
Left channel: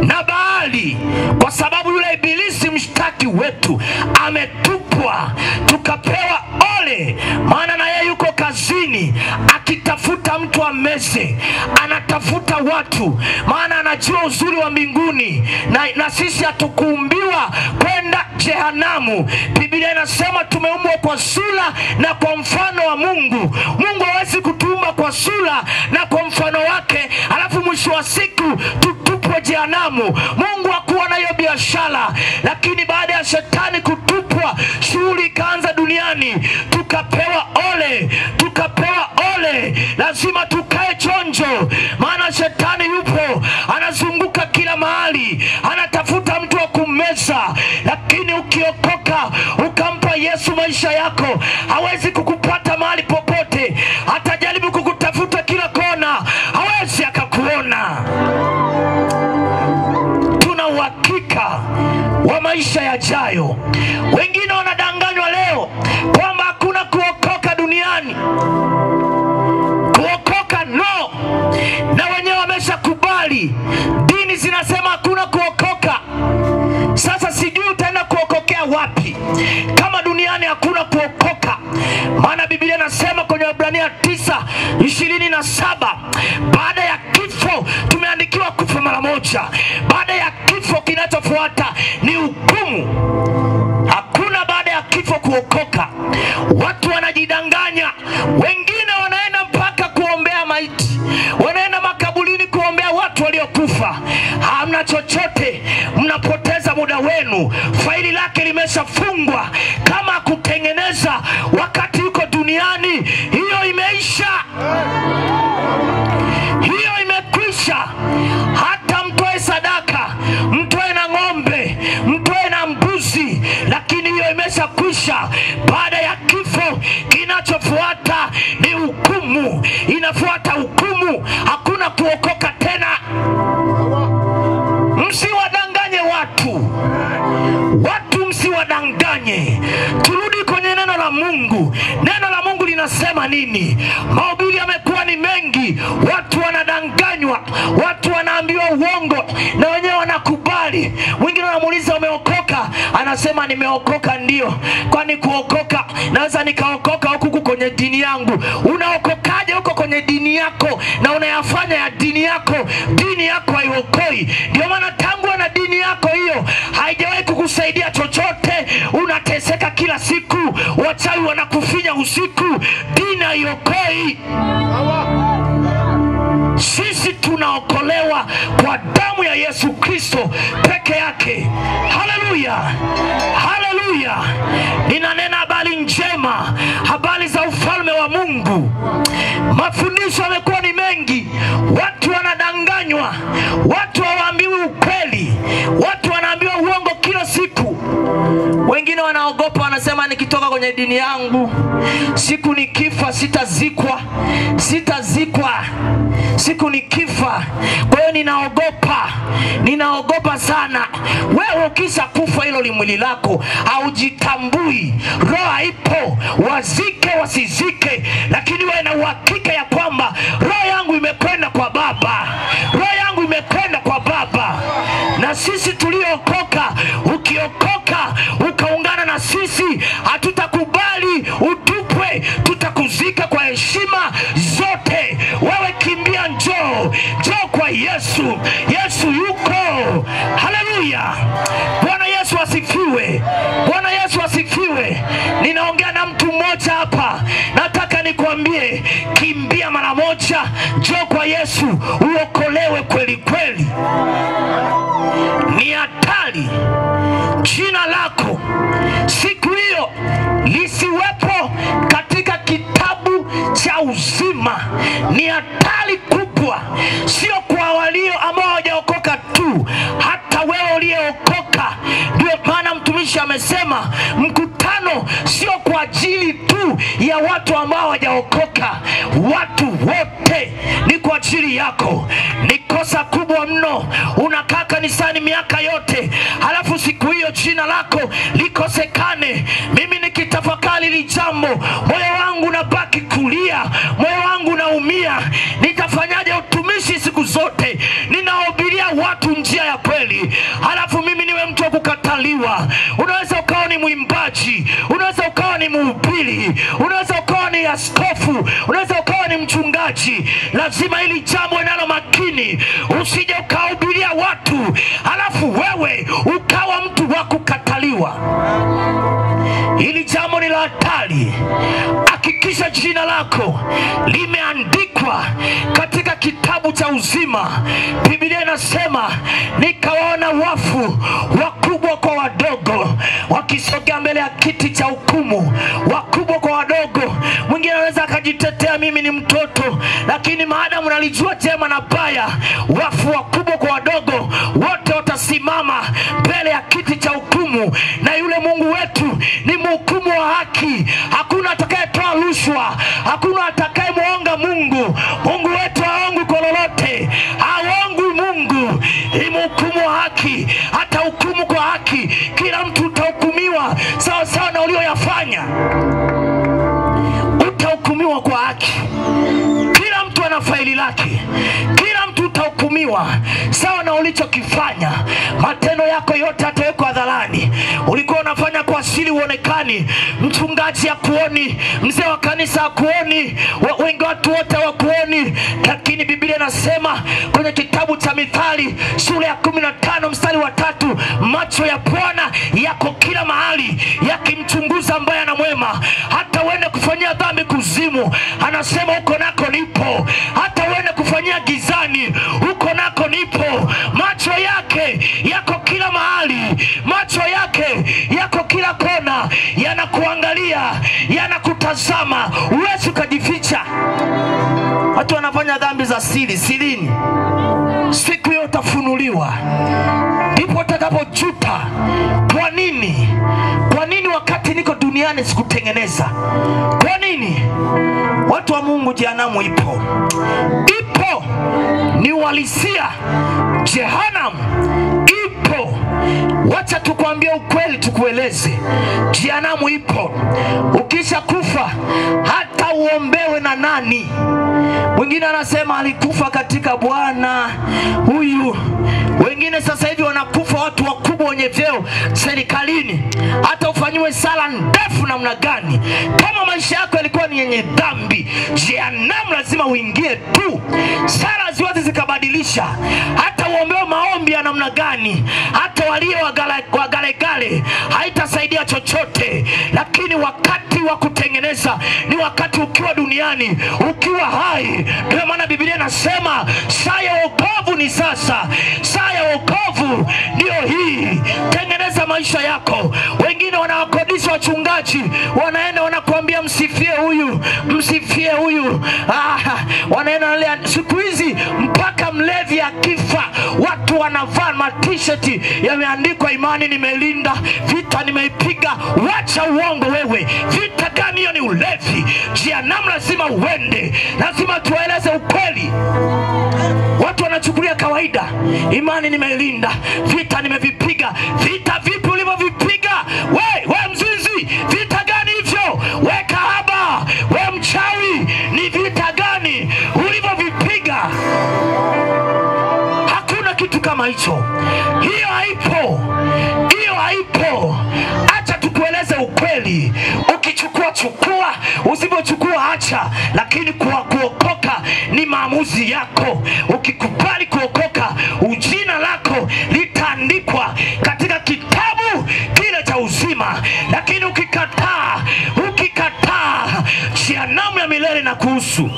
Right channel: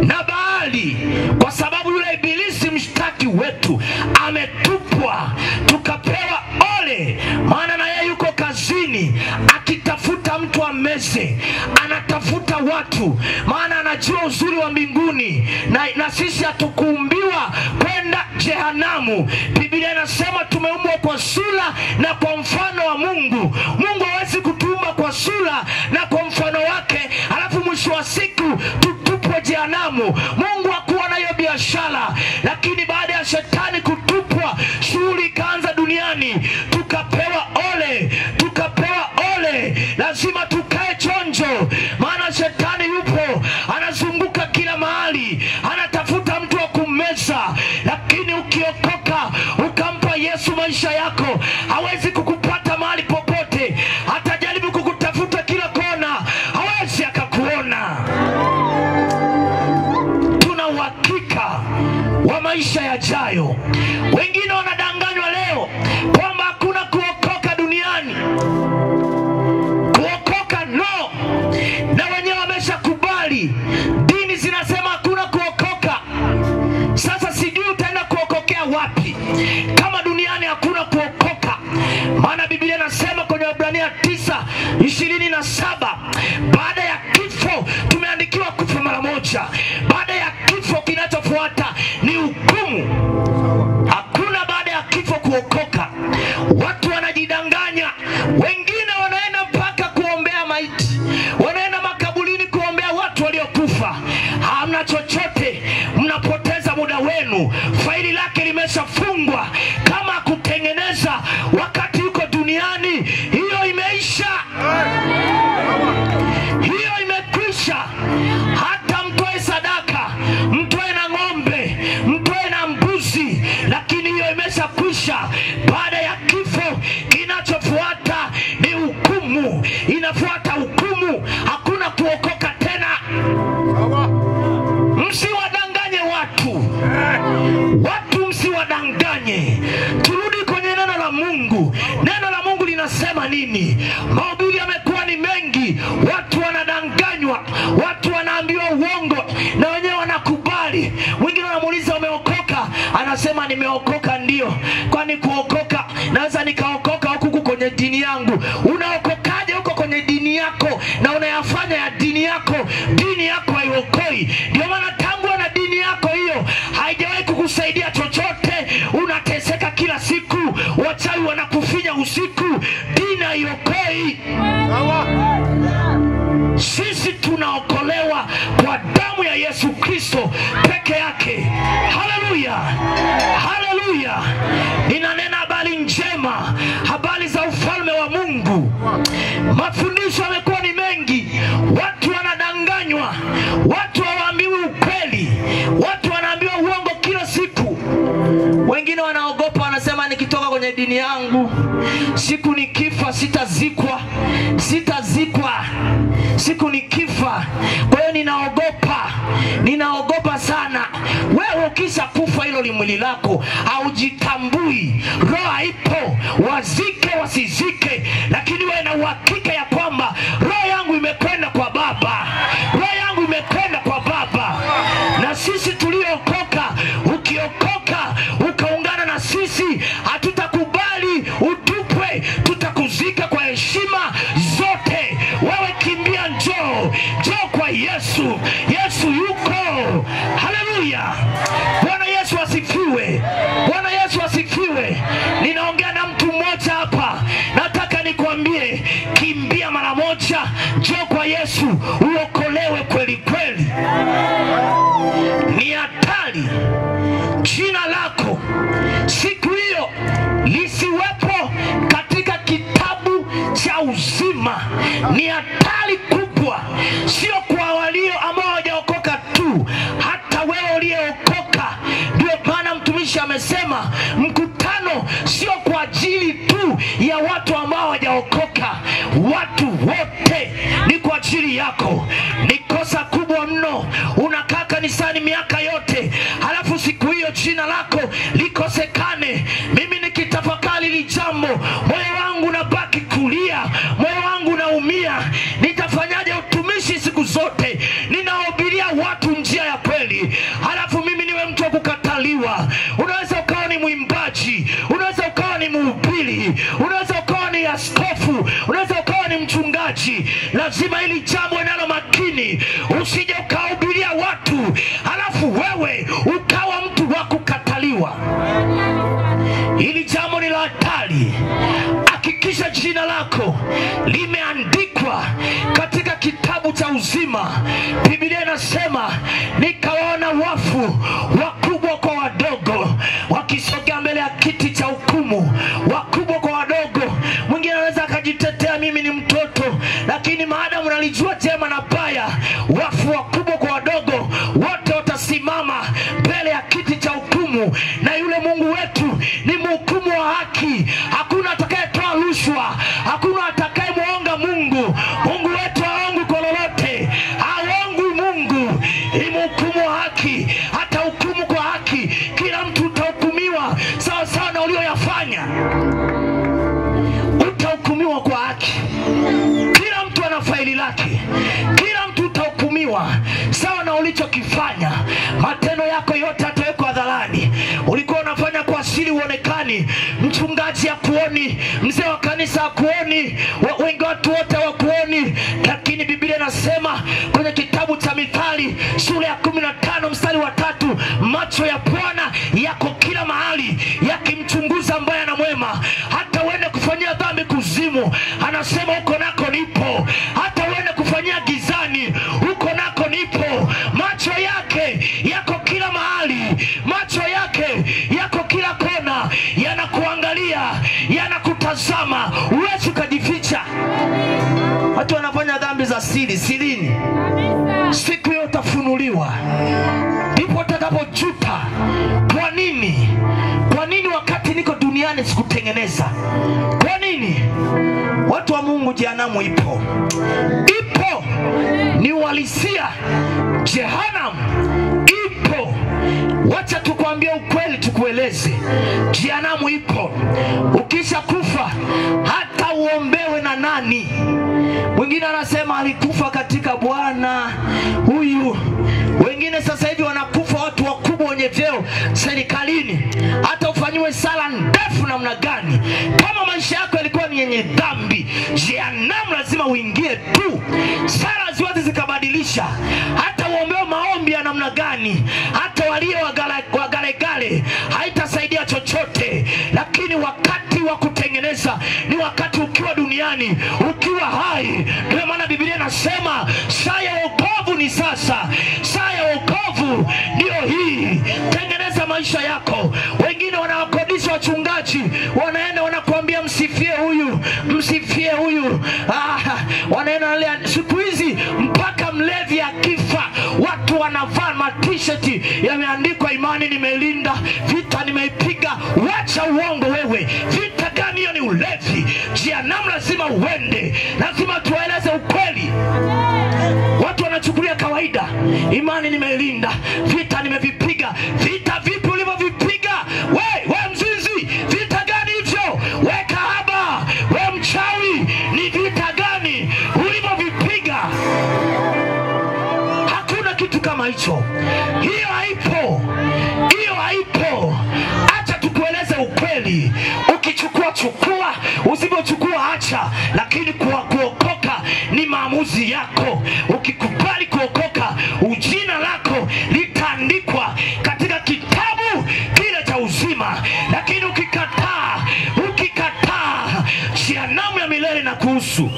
na bahari, kwa sababu yule ibilisi mshtaki wetu ametupwa. Tukapewa ole, maana na yeye yuko kazini akitafuta mtu ameze. Anatafuta watu, maana anajua uzuri wa mbinguni, na sisi hatukuumbiwa kwenda jehanamu. Biblia inasema tumeumbwa kwa sura na kwa mfano wa Mungu. Mungu hawezi kutuumba kwa sura na kwa mfano wake alafu mwisho wa siku tutupwe jehanamu. Mungu hakuwa na hiyo biashara. Lakini baada ya shetani kutupwa, shughuli ikaanza duniani. Tukapewa ole, tukapewa ole. Lazima tukae chonjo, maana shetani yupo, anazunguka kila mahali, anatafuta mtu wa kummeza. Lakini ukiokoka ukampa Yesu maisha yako, hawezi kukupata mahali popote. Atajaribu kukutafuta kila kona, hawezi akakuona. Tuna uhakika wa maisha yajayo. Wengine wanadanganywa leo kwamba hakuna kuokoka duniani. Kuokoka no, na wenyewe wameshakubali. Dini zinasema hakuna kuokoka. Sasa sijui utaenda kuokokea wapi kama duniani hakuna kuokoka. Maana Biblia inasema kwenye Waebrania 9:27, baada ya kifo tumeandikiwa kufa mara moja. Baada ya kifo kinachofuata ni hukumu. Hakuna baada ya kifo kuokoka. Watu wanajidanganya. Wengine wanaenda mpaka kuombea maiti, wanaenda makaburini kuombea watu waliokufa. Hamna chochote, mnapoteza muda wenu. Faili lake limeshafungwa. Kama kutengeneza wakati yuko duniani, hiyo imeisha. Hiyo maisha baada ya kifo. Kinachofuata ni hukumu. Inafuata hukumu, hakuna kuokoka tena. Msiwadanganye watu msiwadanganye. Turudi kwenye neno la Mungu. Neno la Mungu linasema nini? Mahubiri yamekuwa ni mengi, watu wanadanganywa, watu wanaambiwa uongo na wenyewe wanakubali. Wengine wanamuuliza umeokoka, anasema nimeokoka ndio. Kwani kuokoka, naweza nikaokoka huku kwenye dini yangu. Unaokokaje huko kwenye dini yako na unayafanya ya dini yako? Dini yako haiokoi. Ndio maana tangu na dini yako hiyo haijawahi kukusaidia chochote. Unateseka kila siku, wachawi wanakufinya usiku, dini haiokoi. Sisi tunaokolewa kwa damu ya Yesu Kristo peke yake. Haleluya, haleluya. Ninanena habari njema, habari za ufalme wa Mungu. Mafundisho yamekuwa ni mengi, watu wanadanganywa, watu hawaambiwi ukweli, watu wanaambiwa uongo kila siku. Wengine wanaogopa, wanasema nikitoka kwenye dini yangu, siku nikifa sitazikwa. Siku nikifa. Kwa hiyo ninaogopa sana. Wewe ukisha kufa hilo limwili lako haujitambui. Roho haipo, wazike wasizike, lakini wewe na uhakika ya kwamba roho yangu imekwenda kwa Baba. Roho yangu imekwenda kwa Baba. Na sisi tuliokoka, ukiokoka ukaungana na sisi, hatutakubali utupwe, tutakuzika kwa heshima zote. Wewe kimbia, njoo kwa Yesu. Yesu yuko. Haleluya. Bwana Yesu asifiwe. Bwana Yesu asifiwe. Ninaongea na mtu mmoja hapa. Nataka nikwambie, kimbia mara moja, njoo kwa Yesu uokolewe kweli kweli. Ni hatari jina lako siku hiyo lisiwepo katika kitabu cha uzima. Ni hatari kubwa, sio kwa walio ambao hawajaokoka tu, hata wewe uliyeokoka. Ndio maana mtumishi amesema mkutano sio kwa ajili tu ya watu ambao hawajaokoka, watu wote ni kwa ajili yako. Ni kosa kubwa mno unakaa kanisani miaka yote, halafu siku hiyo jina lako likosekane. Mimi nikitafakari hili jambo, moyo wangu unabaki kulia, moyo wangu unaumia. Nitafanyaje utumishi siku zote? Ninahubiria watu njia ya kweli, halafu mimi niwe mtu wa kukataliwa. Unaweza ukawa ni mwimbaji, unaweza ukawa ni mhubiri, unaweza ukawa ni askofu, unaweza ukawa ni mchungaji. Lazima hili jambo nalo makini, usije ukahubiria watu halafu wewe ukawa mtu wa kukataliwa. Hili jambo ni la hatari. Hakikisha jina lako limeandikwa katika kitabu cha uzima. Biblia inasema nikawaona wafu wakubwa kwa wadogo wakisogea mbele ya kiti cha hukumu. Wakubwa kwa wadogo. Mwingine anaweza akajitetea mimi ni mtoto, lakini maadamu nalijua jema na baya, wafu wakubwa kwa wadogo wote watasimama mbele ya kiti cha hukumu. Na yule Mungu wetu ni mhukumu wa haki. Hakuna atakayetoa rushwa, hakuna atakayemuonga Mungu. Mungu wetu haongi kwa lolote, haongi Mungu. Ni mhukumu wa haki. Hata hukumu kwa haki, kila mtu utahukumiwa sawa sawa na ulioyafanya. Utahukumiwa kwa haki. Kila mtu ana faili lake. Kila mtu utahukumiwa sawa na ulichokifanya. Matendo yako yote yatawekwa hadharani. Ulikuwa unafanya kwa siri uonekani, mchungaji hakuoni, mzee wa kanisa hakuoni, wengi watu wote hawakuoni. Lakini Biblia inasema kwenye kitabu cha Mithali sura ya 15 mstari wa 3, macho ya Bwana yako kila mahali yakimchunguza mbaya na mwema. Hata uende kufanyia dhambi kuzimu, anasema huko nako nipo. Hata uende kufanyia gizani, huko nako nipo. Macho yake yako kila mahali, macho yake yako kila kona, yanakuangalia, yanakutazama. Huwezi kujificha. Watu wanafanya dhambi za sirini. Siku hiyo utafunuliwa. Ndipo utakapojuta. Kwa nini wakati niko duniani duniani sikutengeneza. Kwa nini? Watu wa Mungu, jehanamu ipo. Ipo, ni uhalisia. Jehanamu ipo. Wacha tukwambie ukweli, tukueleze. Jehanamu ipo. Ukisha kufa hata uombewe na nani. Mwingine anasema alikufa katika Bwana huyu. Wengine sasa hivi wanakufa watu wakubwa wenye vyeo serikalini. Hata ufanyiwe sala ndefu namna gani, kama maisha yako yalikuwa ni yenye dhambi, jehanamu lazima uingie tu. Sala ziwezi zikabadilisha. Hata uombewe maombi ya namna gani, hata walio wagalegale, haitasaidia chochote. Lakini wakati wa kutengeneza ni wakati ukiwa duniani, ukiwa hai. Kwa maana Biblia inasema saa ya wokovu ni sasa. Saa ya wokovu ndio hii. Tengeneza maisha yako. Wengine wanawakodisha wachungaji, wanaenda wanakuambia msifie huyu, msifie huyu. Wanaenda siku hizi mpaka mlevi akifa watu wanavaa ma-t-shirt yameandikwa imani nimelinda, vita nimeipiga. Wacha uongo wewe. Vita gani hiyo? Ni ulevi. Jehanamu lazima uende. Lazima tueleze ukweli. Watu wanachukulia kawaida. Imani nimeilinda, vita nimevipiga. Vita vipi ulivyovipiga? We mzizi, vita gani hivyo? We kahaba, we mchawi, ni vita gani ulivyovipiga? Hakuna kitu kama hicho. Hiyo haipo. Hiyo haipo. Acha tukueleze ukweli. Ukichukua chukua, usipochukua acha. Lakini kuokoka ni maamuzi yako. Ukikubali kuokoka, jina lako litaandikwa katika kitabu kile cha uzima. Lakini ukikataa, jehanamu ya milele na kuhusu.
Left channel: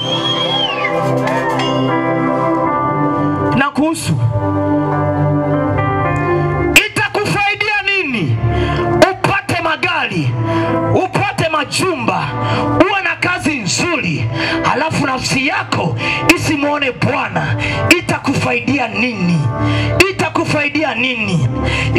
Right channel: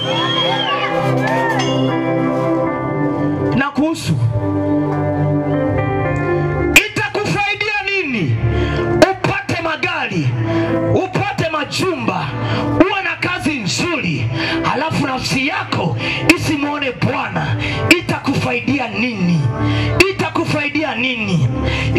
Itakufaidia nini? Upate magari, upate majumba, uwe na kazi nzuri, halafu nafsi yako isimuone Bwana. Itakufaidia nini? Itakufaidia nini?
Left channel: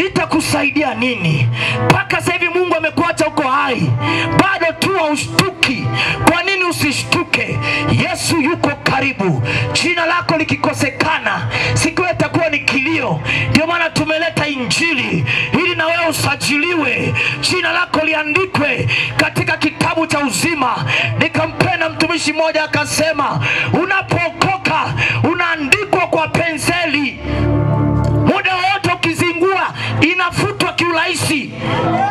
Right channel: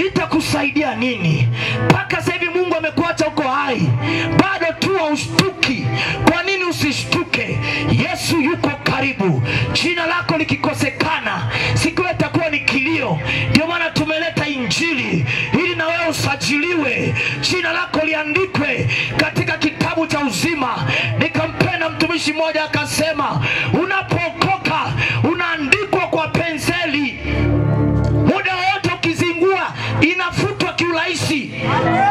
Itakusaidia nini? Mpaka sasa hivi Mungu amekuacha uko hai, bado tu haushtuki. Kwa nini usishtuke? Yesu yuko karibu. Jina lako likikosekana, siku itakuwa ni kilio. Ndio maana tumeleta injili ili na wewe usajiliwe, jina lako liandikwe katika kitabu cha uzima. Nikampenda mtumishi mmoja akasema, unapookoka unaandikwa kwa penseli. Muda wote ukizingua inafutwa kiurahisi.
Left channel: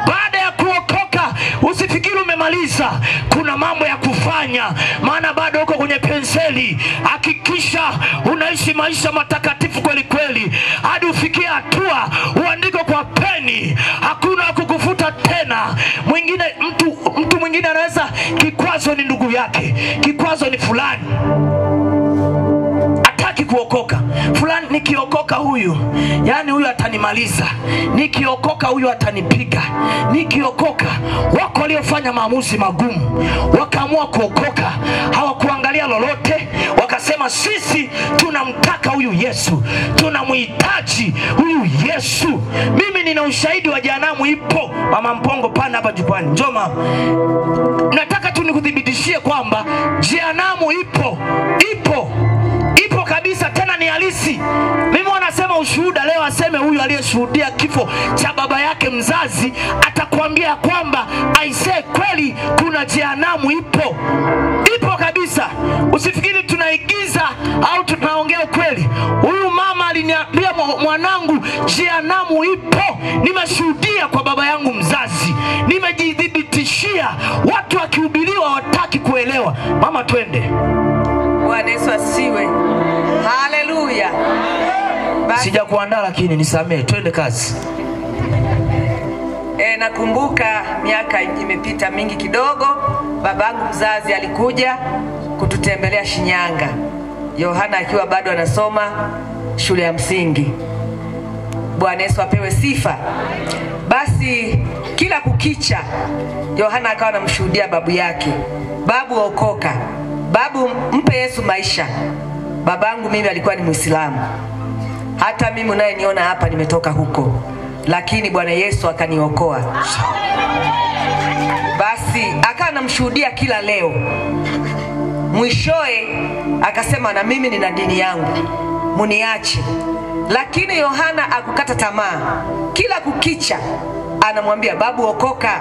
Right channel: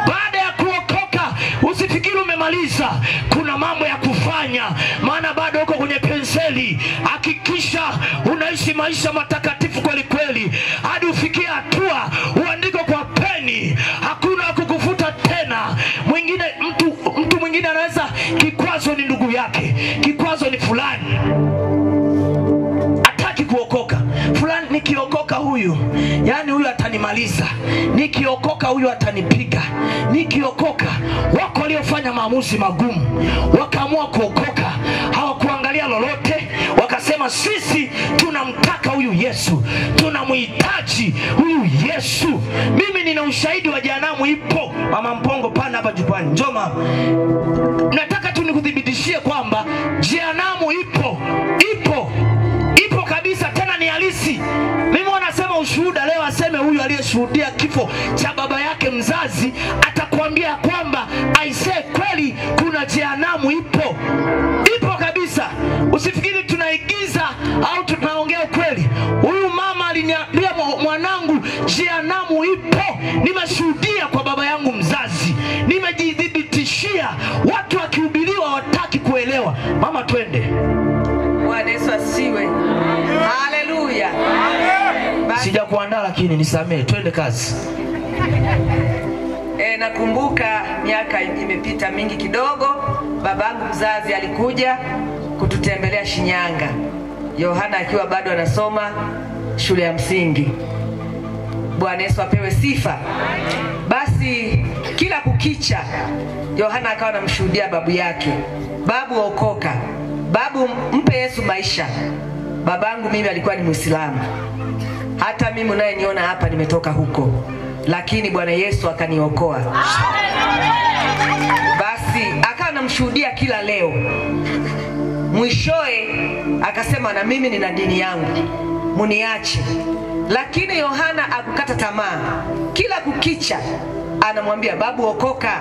Baada ya kuokoka usifikiri umemaliza, kuna mambo ya kufanya, maana bado uko kwenye penseli. Hakikisha unaishi maisha matakatifu kweli kweli hadi ufikie hatua uandike kwa peni. Hakuna kukufuta tena. Mtu mwingine anaweza, kikwazo ni ndugu yake, kikwazo ni fulani, hataki kuokoka. Fulani nikiokoka huyu, yani huyu atanimaliza. Nikiokoka huyu atanipiga. Nikiokoka. Wako waliofanya maamuzi magumu, wakaamua kuokoka, hawakuangalia lolote, wakasema sisi tunamtaka huyu Yesu, tunamhitaji huyu Yesu. Mimi nina ushahidi wa jehanamu ipo. Mama Mpongo pana hapa jukwani, njoo mama. Nataka tu nikudhibitishie kwamba jehanamu ipo. Ipo kabisa, tena ni halisi. Mimi wanasema ushuhuda leo, aseme huyu aliyeshuhudia kifo cha baba yake mzazi atakwambia kwamba aisee, kweli kuna jehanamu ipo. Ipo kabisa. Usifikiri tunaigiza au tunaongea ukweli. Huyu mama aliniambia, mwanangu, jehanamu ipo. Nimeshuhudia kwa baba yangu mzazi. Nimejidhibitishia. Watu wakihubiriwa wataki kuelewa. Mama twende. Bwana Yesu asiwe. Haleluya. Sija kuandaa lakini nisamee, twende kazi. Nakumbuka miaka imepita mingi kidogo, babangu mzazi alikuja kututembelea Shinyanga. Yohana akiwa bado anasoma shule ya msingi. Bwana Yesu apewe sifa. Basi kila kukicha Yohana akawa anamshuhudia babu yake, babu okoka, babu mpe Yesu maisha. Babangu mimi alikuwa ni Muislamu. Hata mimi unayeniona hapa nimetoka huko, lakini Bwana Yesu akaniokoa. Basi akawa anamshuhudia kila leo. Mwishoe akasema na mimi nina dini yangu, muniache. Lakini Yohana akukata tamaa. Kila kukicha anamwambia babu okoka,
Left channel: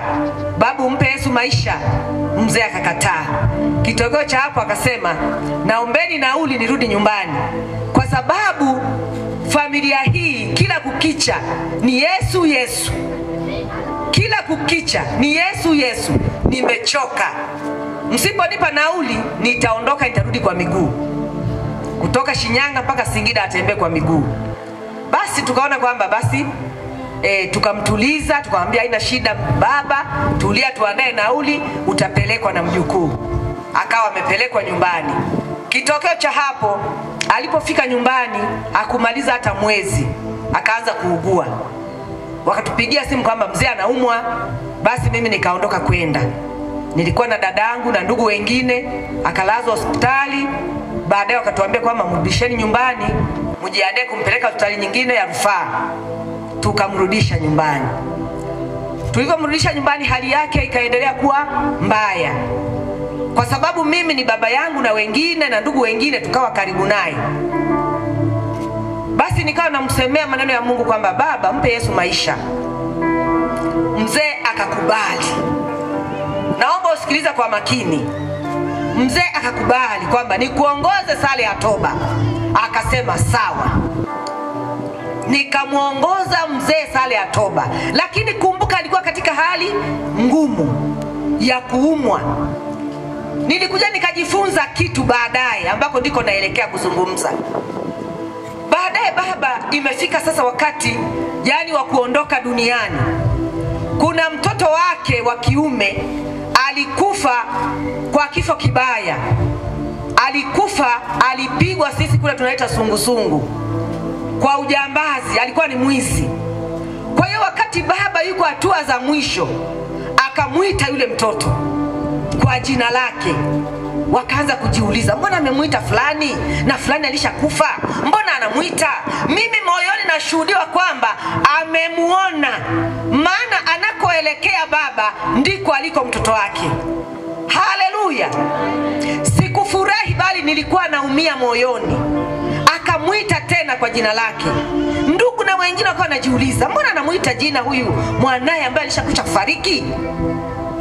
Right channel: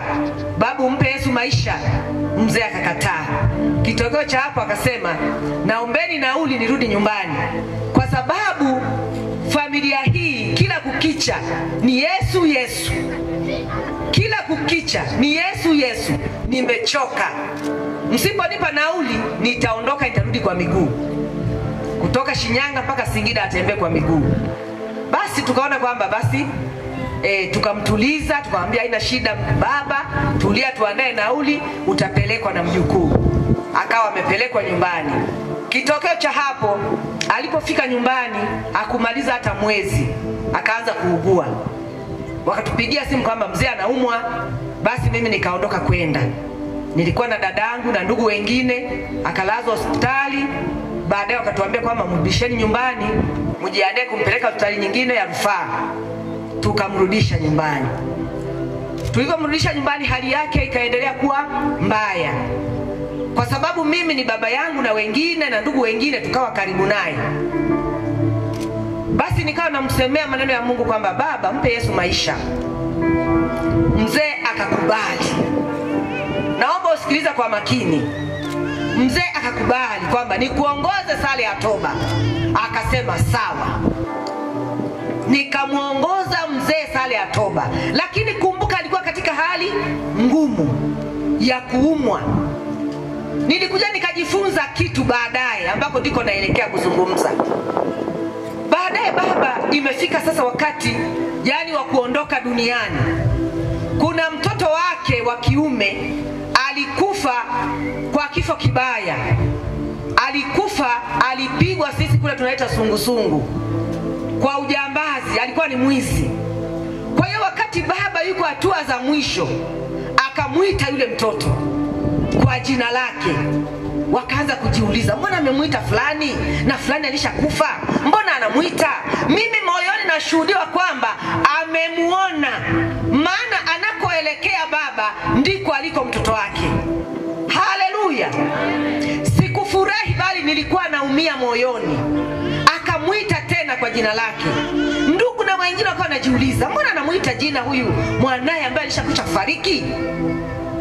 babu mpe Yesu maisha. Mzee akakataa. Kitokeo cha hapo akasema naombeni nauli nirudi nyumbani, kwa sababu familia hii kila kukicha ni Yesu Yesu, kila kukicha ni Yesu Yesu. Nimechoka, msiponipa nauli nitaondoka, nitarudi kwa miguu. Kutoka Shinyanga mpaka Singida atembee kwa miguu. Basi tukaona kwamba basi tukamtuliza, tukamwambia haina shida baba, tulia, tuandae nauli, utapelekwa na mjukuu. Akawa amepelekwa nyumbani. Kitokeo cha hapo, alipofika nyumbani akumaliza hata mwezi akaanza kuugua. Wakatupigia simu kwamba mzee anaumwa. Basi mimi nikaondoka kwenda. Nilikuwa na dadangu na ndugu wengine, akalazwa hospitali. Baadaye wakatuambia kwamba mrudisheni nyumbani, mjiandae kumpeleka hospitali nyingine ya rufaa. Tukamrudisha nyumbani. Tulipomrudisha nyumbani hali yake ikaendelea kuwa mbaya. Kwa sababu mimi ni baba yangu na wengine na ndugu wengine tukawa karibu naye. Basi nikawa namsemea maneno ya Mungu kwamba baba mpe Yesu maisha. Mzee akakubali. Naomba usikilize kwa makini. Mzee akakubali kwamba nikuongoze sala ya toba. Akasema sawa. Nikamuongoza mzee sala ya toba. Lakini kumbuka alikuwa katika hali ngumu ya kuumwa. Nilikuja nikajifunza kitu baadaye ambako ndiko naelekea kuzungumza. Baadaye baba imefika sasa wakati wa kuondoka duniani. Kuna mtoto wake wa kiume alikufa kwa kifo kibaya. Alikufa, alipigwa, sisi kule tunaita sungusungu, kwa ujambazi. Alikuwa ni mwizi. Kwa hiyo wakati baba yuko hatua za mwisho, akamuita yule mtoto kwa jina lake. Wakaanza kujiuliza, mbona amemuita fulani na fulani alishakufa, mbona anamuita? Mimi moyoni nashuhudiwa kwamba amemuona, maana anakoelekea baba ndiko aliko mtoto wake. Haleluya. Sikufurahi bali nilikuwa naumia moyoni. Akamuita tena kwa jina lake. Ndugu na wengine wakawa wanajiuliza, mbona anamuita jina huyu mwanae ambaye alishakucha kufariki?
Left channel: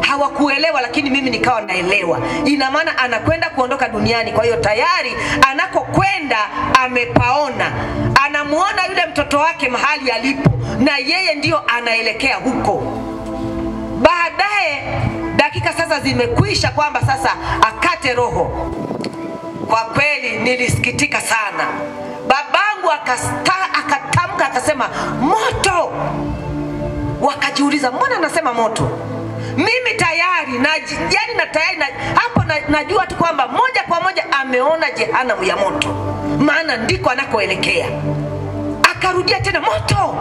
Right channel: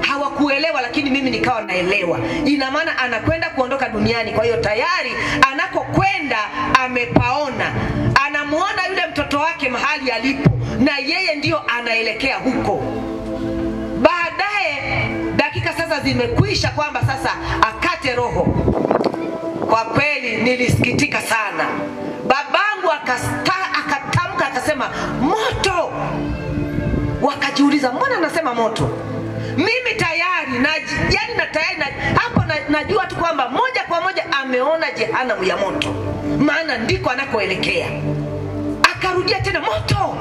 Hawakuelewa, lakini mimi nikawa naelewa. Ina maana anakwenda kuondoka duniani. Kwa hiyo tayari anakokwenda amepaona. Anamuona yule mtoto wake mahali alipo, na yeye ndio anaelekea huko. Baadaye dakika sasa zimekwisha kwamba sasa akate roho. Kwa kweli nilisikitika sana. Babangu akatamka akasema moto. Wakajiuliza, mbona anasema moto? Mimi tayari hapo najua tu kwamba moja kwa moja ameona jehanamu ya moto, maana ndiko anakoelekea. Akarudia tena moto.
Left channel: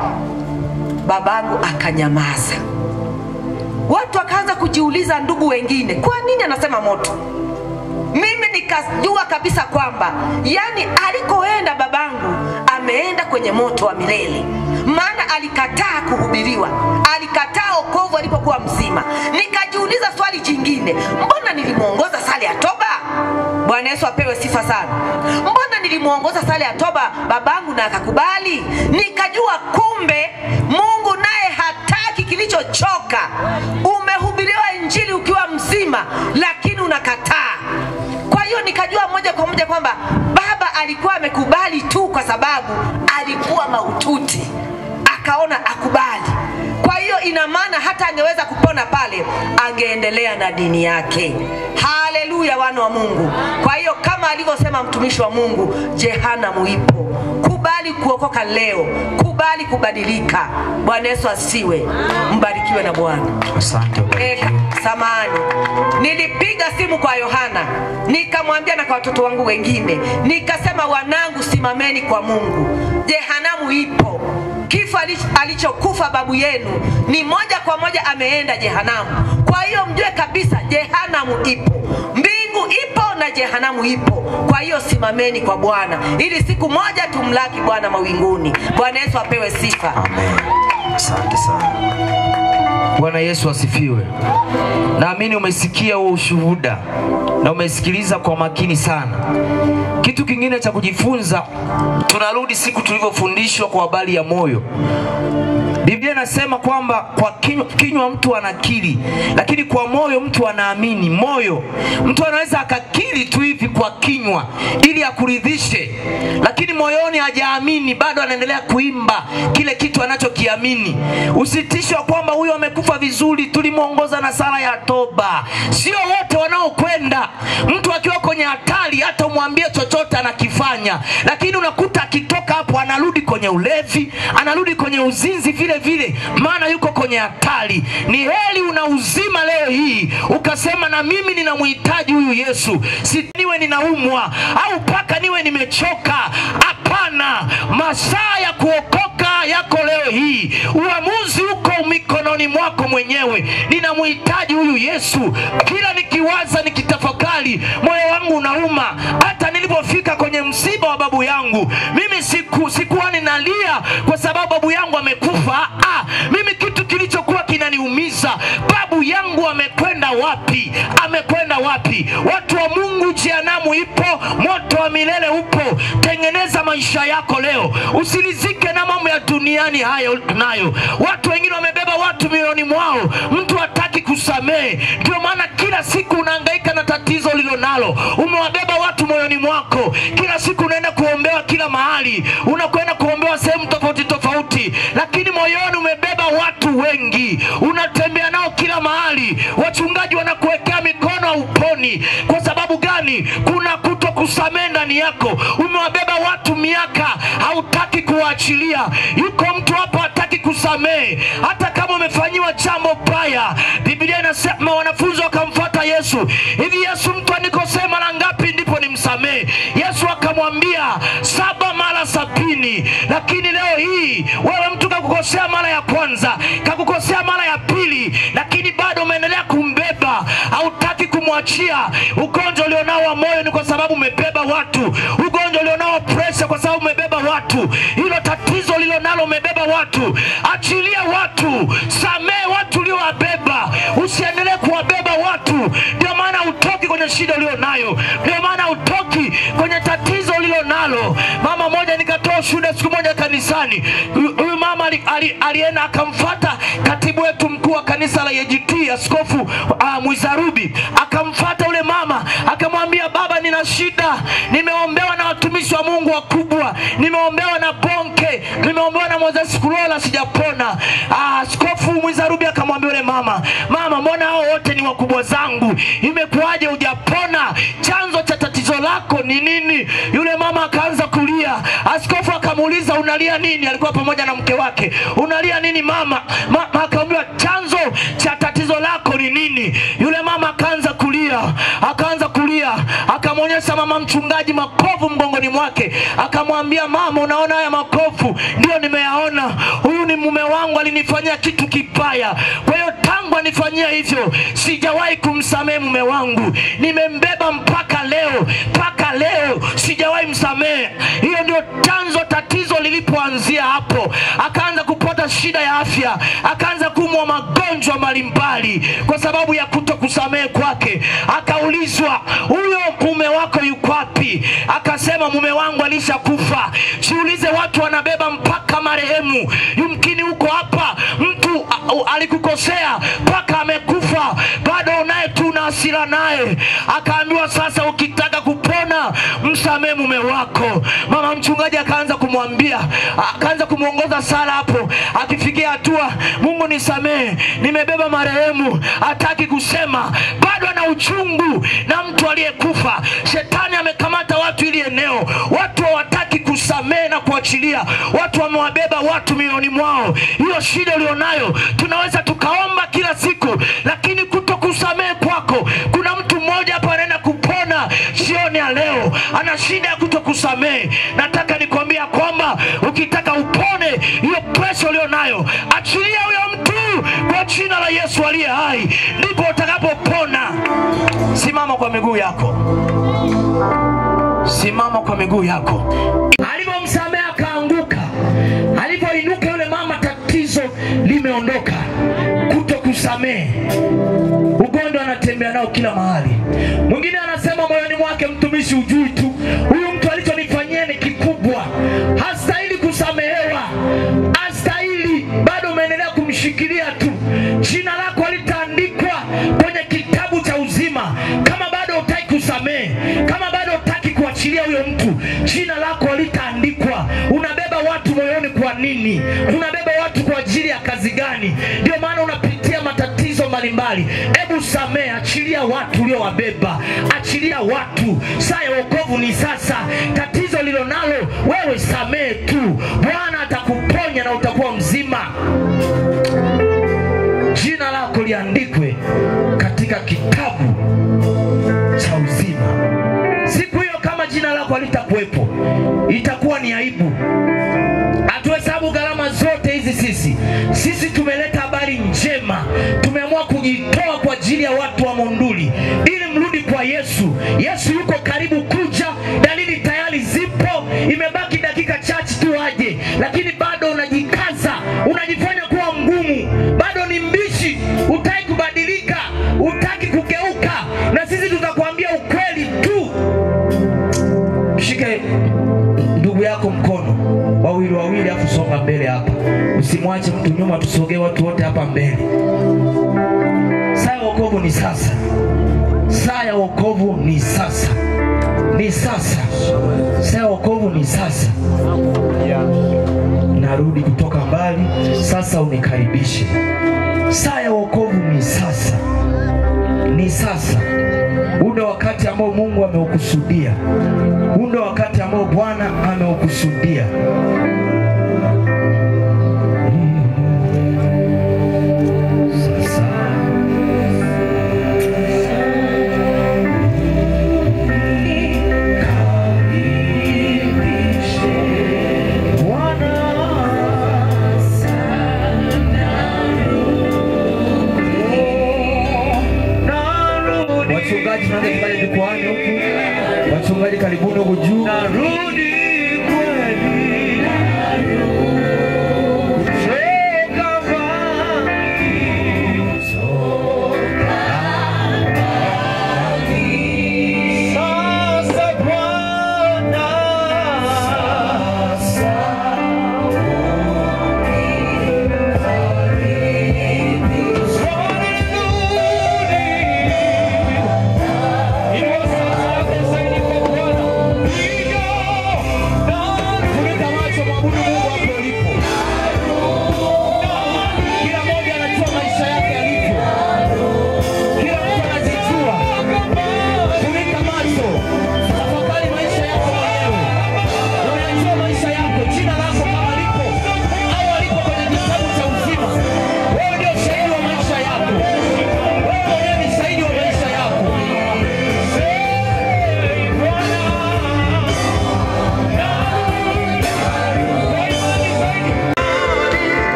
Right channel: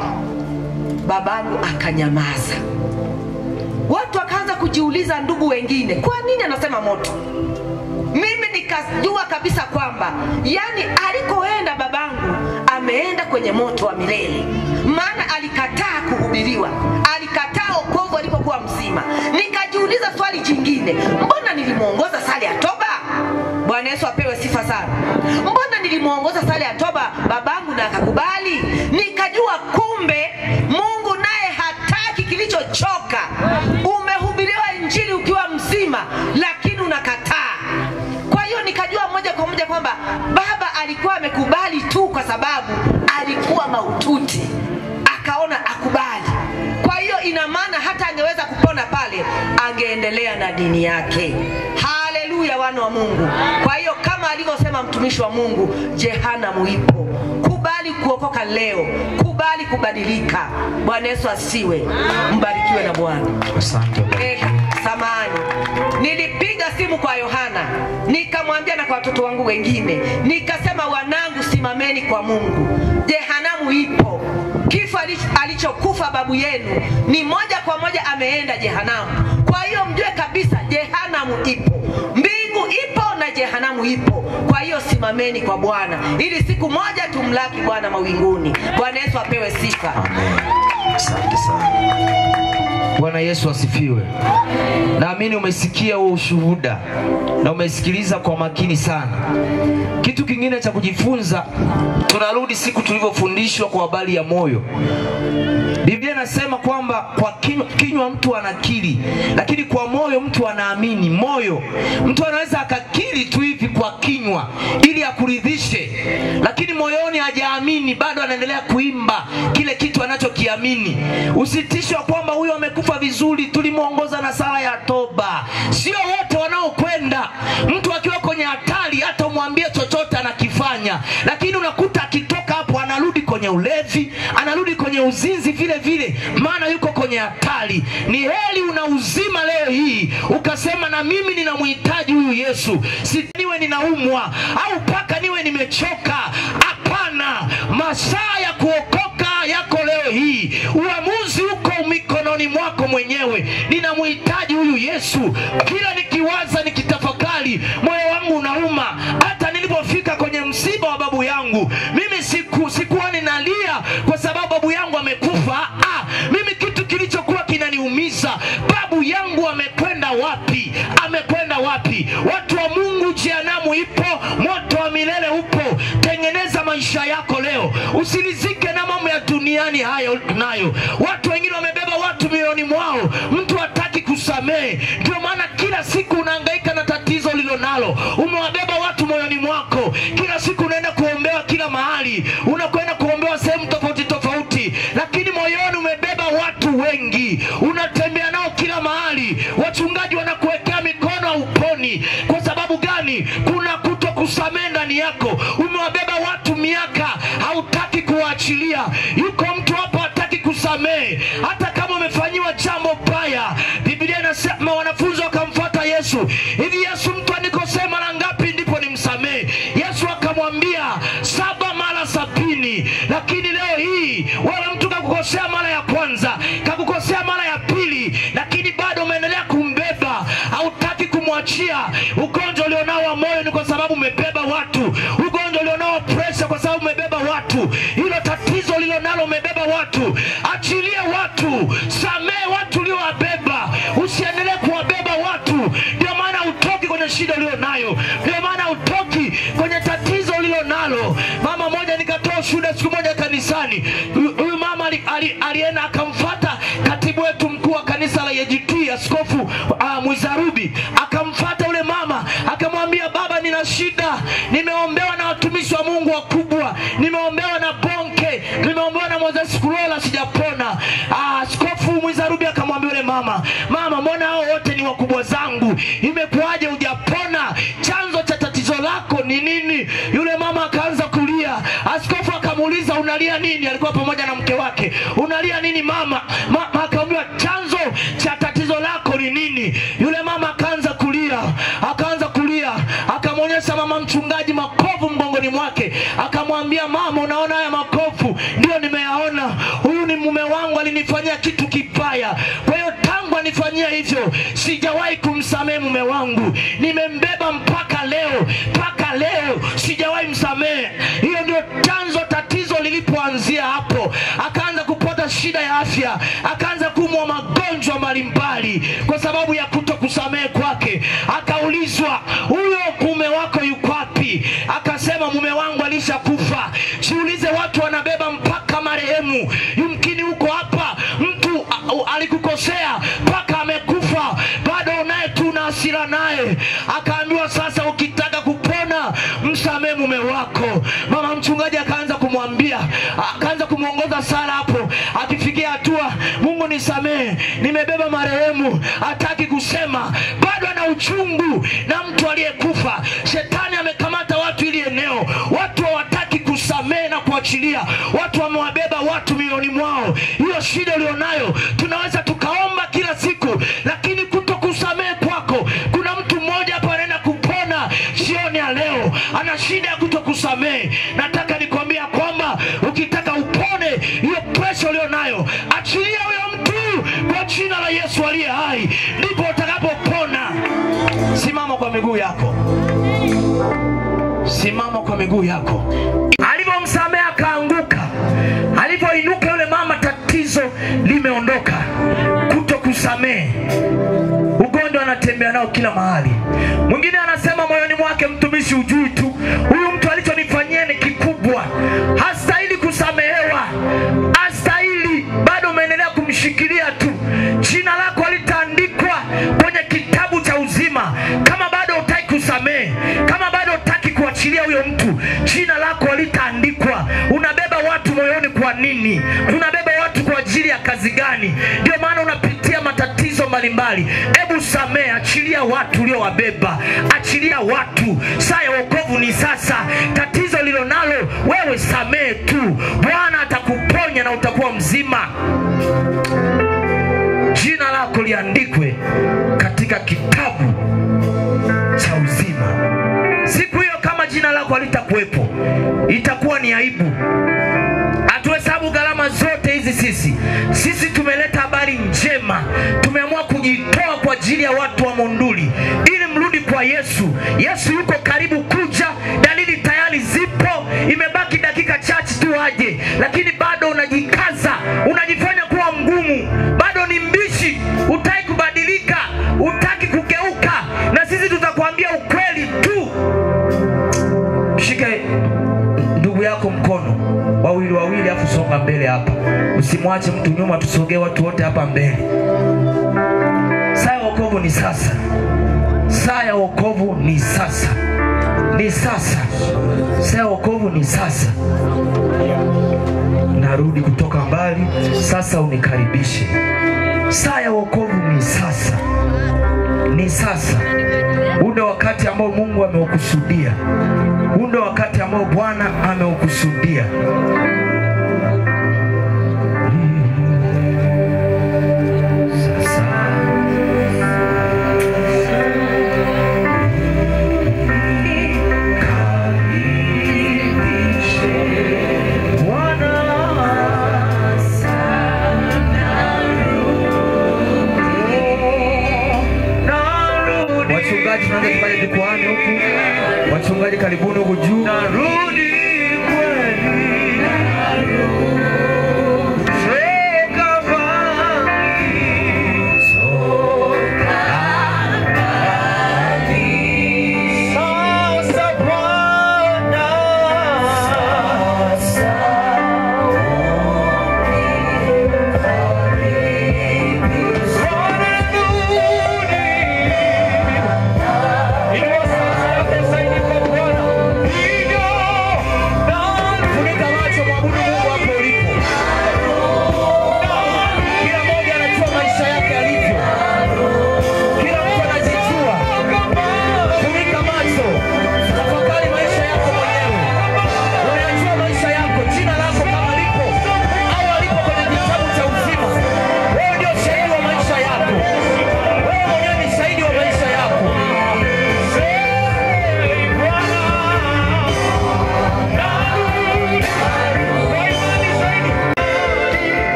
Babangu akanyamaza. Watu wakaanza kujiuliza, ndugu wengine, kwa nini anasema moto? Mimi nikajua kabisa kwamba alikoenda babangu ameenda kwenye moto wa milele, maana alikataa kuhubiriwa, alikataa wokovu alipokuwa mzima. Nikajiuliza swali jingine, mbona nilimuongoza sala ya toba? Bwana Yesu apewe sifa sana. Mbona nilimuongoza sala ya toba babangu na akakubali? Nikajua kumbe Mungu naye hataki kilichochoka. Umehubiriwa injili ukiwa mzima, lakini unakataa. Kwa hiyo nikajua moja kwa moja kwamba baba alikuwa amekubali tu kwa sababu alikuwa mahututi. Akaona akubali. Kwa hiyo ina maana hata angeweza kupona pale, angeendelea na dini yake. Haleluya, wana wa Mungu. Kwa hiyo kama alivyosema mtumishi wa Mungu, jehanamu ipo. Kubali kuokoka leo, kubali kubadilika. Bwana Yesu asiwe. Mbarikiwe na Bwana. Asante. Samani. Nilipiga simu kwa Yohana, nikamwambia na kwa watoto wangu wengine, nikasema wanangu, simameni kwa Mungu. Jehanamu ipo. Kifo alichokufa babu yenu ni moja kwa moja ameenda jehanamu. Kwa hiyo mjue kabisa jehanamu ipo. Mbingu ipo na jehanamu ipo. Kwa hiyo simameni kwa Bwana, ili siku moja tumlaki Bwana mawinguni. Bwana Yesu apewe sifa. Amen. Asante sana. Bwana Yesu asifiwe. Naamini umesikia huo ushuhuda na umesikiliza kwa makini sana. Kitu kingine cha kujifunza, tunarudi siku tulivyofundishwa kwa habari ya moyo. Biblia inasema kwamba kwa kinywa mtu anakiri, lakini kwa moyo mtu anaamini. Moyo, mtu anaweza akakiri tu hivi kwa kinywa ili akuridhishe, lakini moyoni hajaamini, bado anaendelea kuimba kile kitu anachokiamini. Usitishwe kwamba huyo amekufa vizuri, tulimuongoza na sala ya toba. Sio wote wanaokwenda. Mtu akiwa kwenye hatari hata umwambie chochote anakifanya, lakini unakuta akitoka hapo anarudi kwenye ulevi, anarudi kwenye uzinzi vile vile, maana yuko kwenye hatari. Ni heri una uzima leo hii ukasema na mimi ninamhitaji huyu Yesu, si niwe ninaumwa au paka niwe nimechoka. Hapana, masaa ya kuokoka yako leo hii. Uamuzi uko mikononi mwako mwenyewe. Ninamhitaji huyu Yesu. Kila nikiwaza, nikitafakari, moyo wangu unauma. Hata nilipofika kwenye msiba wa babu yangu, mimi sikuwa ninalia kwa sababu babu yangu amekufa. Mimi kitu kilichokuwa kinaniumiza, babu yangu amekwenda wapi? Amekwenda wapi? Watu wa Mungu, jehanamu ipo, moto wa milele upo. Tengeneza maisha yako leo. Usilizike na mambo ya duniani hayo nayo. Watu wengine wamebeba watu milioni mwao, mtu hataki kusamehe. Ndio maana kila siku unahangaika na tatizo lilo nalo. Umewabeba watu moyoni mwako. Kila siku unaenda kuombewa kila mahali. Unakwenda kuombewa sehemu tofauti tofauti, lakini moyoni umebeba watu wengi. Unatembea nao kila mahali. Wachungaji wanakuwekea mikono uponi. Kwa sababu gani? Kuna kutokusamehe ndani yako. Umewabeba watu miaka, hautaki kuachilia. Yuko mtu hapa hataki kusamehe hata kama umefanyiwa jambo baya. Biblia inasema wanafunzi wakamfuata Yesu. Hivi Yesu, mtu anikosea mara ngapi ndipo nimsamehe? Yesu akamwambia 7 mara 70. Lakini leo hii wewe mtu kakukosea mara ya kwanza, kakukosea mara ya pili, lakini bado umeendelea kumbeba, hautaki kumwachia. Ugonjwa ulionao wa moyo ni kwa sababu umebeba watu. Ugonjwa ulionao wa pressure kwa sababu umebeba watu. Hilo tatizo ulilonalo umebeba watu. Achilia watu, samehe watu uliowabeba. Usiendelee kuwabeba watu. Ndio maana utoki kwenye shida ulionayo. Ndio maana utoki kwenye tatizo ulilonalo. Mama moja nikatoa shuhuda siku moja kanisani. Huyu mama alienda akamfuata katibu wetu mkuu wa kanisa la EGT, Askofu Mwizarubi. Akamfuata ule mama, akamwambia, baba nina shida. Nimeombewa na watumishi wa Mungu wakubwa. Nimeombewa na Bonke, nimeombewa na Moses Kulola, sijapona. Askofu Mwizarubi akamwambia yule mama, mama mbona hao wote ni wakubwa zangu? Imekuaje hujapona? Chanzo cha tatizo lako ni nini? Yule mama akaanza kulia. Askofu akamuuliza, unalia nini? Alikuwa pamoja na mke wake. Unalia nini mama? Akamwambia, chanzo cha tatizo lako ni nini? Yule mama akaanza kulia. Akamwonyesha mama mchungaji makovu mgongoni mwake. Akamwambia, mama unaona haya makovu? Ndio nimeyaona. Huyu ni mume wangu, alinifanyia kitu kibaya. Kwa hiyo tangu anifanyia hivyo sijawahi kumsamehe mume wangu. Nimembeba mpaka leo sijawahi msamehe. Hiyo ndio chanzo, tatizo lilipoanzia hapo. Akaanza kupata shida ya afya, akaanza kuumwa magonjwa mbalimbali kwa sababu ya kutokusamehe kwake. Akaulizwa, huyo mume wako yuko wapi? Akasema, mume wangu alishakufa. Jiulize, watu wanabeba mpaka marehemu. Yumkini huko hapa mtu alikukosea mpaka amekufa, bado unaye tu na hasira naye. Akaambiwa, sasa ukitaka kupona msamehe mume wako. Mama mchungaji akaanza kumwambia, akaanza kumuongoza sala hapo. Akifikia hatua, Mungu nisamehe, nimebeba marehemu. Hataki kusema, bado ana uchungu na mtu aliyekufa. Shetani amekamata watu ili eneo. Watu hawataki kusamehe na kuachilia. Watu wamewabeba watu milioni mwao. Hiyo shida ulionayo, tunaweza tukaomba kila siku, lakini kutokusamehe kwako. Kuna mtu mmoja hapa anaenda kupona jioni ya leo, ana shida ya kutokusamehe. Nataka nikwambia kwamba ukitaka upone hiyo pressure ulionayo, achilia huyo mtu kwa jina la Yesu aliye hai, ndipo utakapopona. Simama kwa miguu yako. Simama kwa miguu yako. Alipomsamehe akaanguka. Alipoinuka yule mama, tatizo limeondoka. Kutokusamehe kusamehe. Ugonjwa anatembea nao kila mahali. Mwingine anasema moyoni mwake, mtumishi ujui tu, huyu mtu alichonifanyia ni kikubwa, hastahili kusamehewa, hastahili. Bado umeendelea kumshikilia tu. Jina lako litaandikwa kwenye kitabu cha uzima. Kama bado hutaki kusamehe, kama bado hutaki kuachilia huyo mtu, jina lako litaandikwa. Unabeba watu moyoni kwa nini? Unabeba watu kwa ajili ya kazi gani? Ndio maana unapitia matatizo mbalimbali. Hebu samehe, achilia watu uliowabeba, achilia watu. Saa ya wokovu ni sasa. Tatizo lilo nalo wewe, samehe tu. Bwana atakuponya na utakuwa mzima. Jina lako liandikwe katika kitabu cha uzima. Siku hiyo kama jina lako halitakuwepo, itakuwa ni aibu. Hatuhesabu gharama zote hizi sisi tumeleta habari njema. Tumeamua kujitoa kwa ajili ya watu wa Monduli ili mrudi kwa Yesu. Yesu yuko karibu kuja, dalili tayari zipo. Imebaki dakika chache tu aje, lakini bado unajikaza, unajifanya kuwa mgumu, bado ni mbishi, hutaki kubadilika, hutaki kugeuka. Na sisi tutakwambia ukweli tu. Shike ndugu yako mkono, wawili afu songa mbele hapa. Usimwache mtu nyuma, tusogee watu wote hapa mbele. Saa ya wokovu ni sasa. Saa ya wokovu ni sasa. Ni sasa. Saa ya wokovu ni sasa. Narudi kutoka mbali, sasa unikaribishe. Saa ya wokovu ni sasa. Ni sasa. Ule wakati ambao Mungu ameukusudia. Ule wakati ambao Bwana ameukusudia. Wachungaji tunaanza kufanya jukwani huku. Wachungaji karibuni huku juu. Narudi kweli. Soka mbali. Soka mbali. Sasa Bwana. Sasa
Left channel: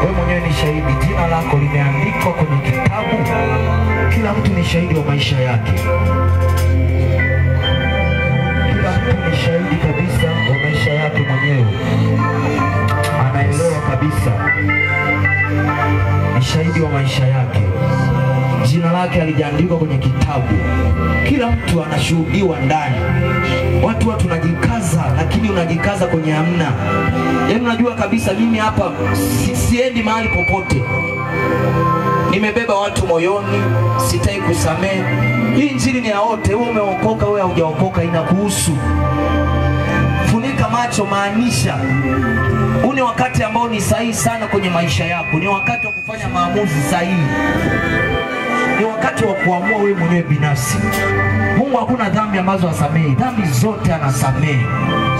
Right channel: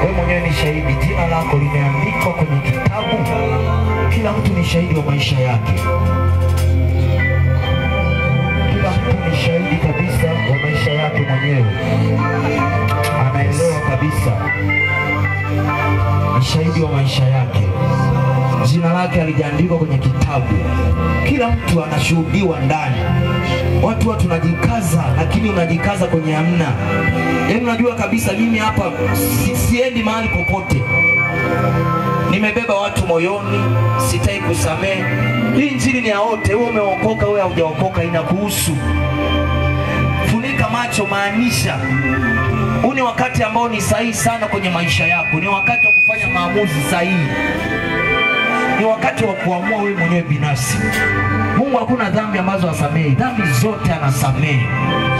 wewe mwenyewe ni shahidi, jina lako limeandikwa kwenye kitabu. Kila mtu ni shahidi wa maisha yake. Kila mtu ni shahidi kabisa wa maisha yake mwenyewe. Anaelewa kabisa. Ni shahidi wa maisha yake. Jina lake halijaandikwa kwenye kitabu. Kila mtu anashuhudiwa ndani. Watu tunajikaza, lakini unajikaza kwenye hamna. Yaani unajua kabisa mimi hapa siendi mahali popote. Nimebeba watu moyoni, sitaki kusamehe. Hii injili ni ya wote. Wewe umeokoka, wewe haujaokoka, inakuhusu. Funika macho, maanisha huu ni wakati ambao ni sahihi sana kwenye maisha yako. Ni wakati wa kufanya maamuzi sahihi. Ni wakati wa kuamua wewe mwenyewe binafsi. Mungu hakuna dhambi ambazo hasamehi. Dhambi zote anasamehe.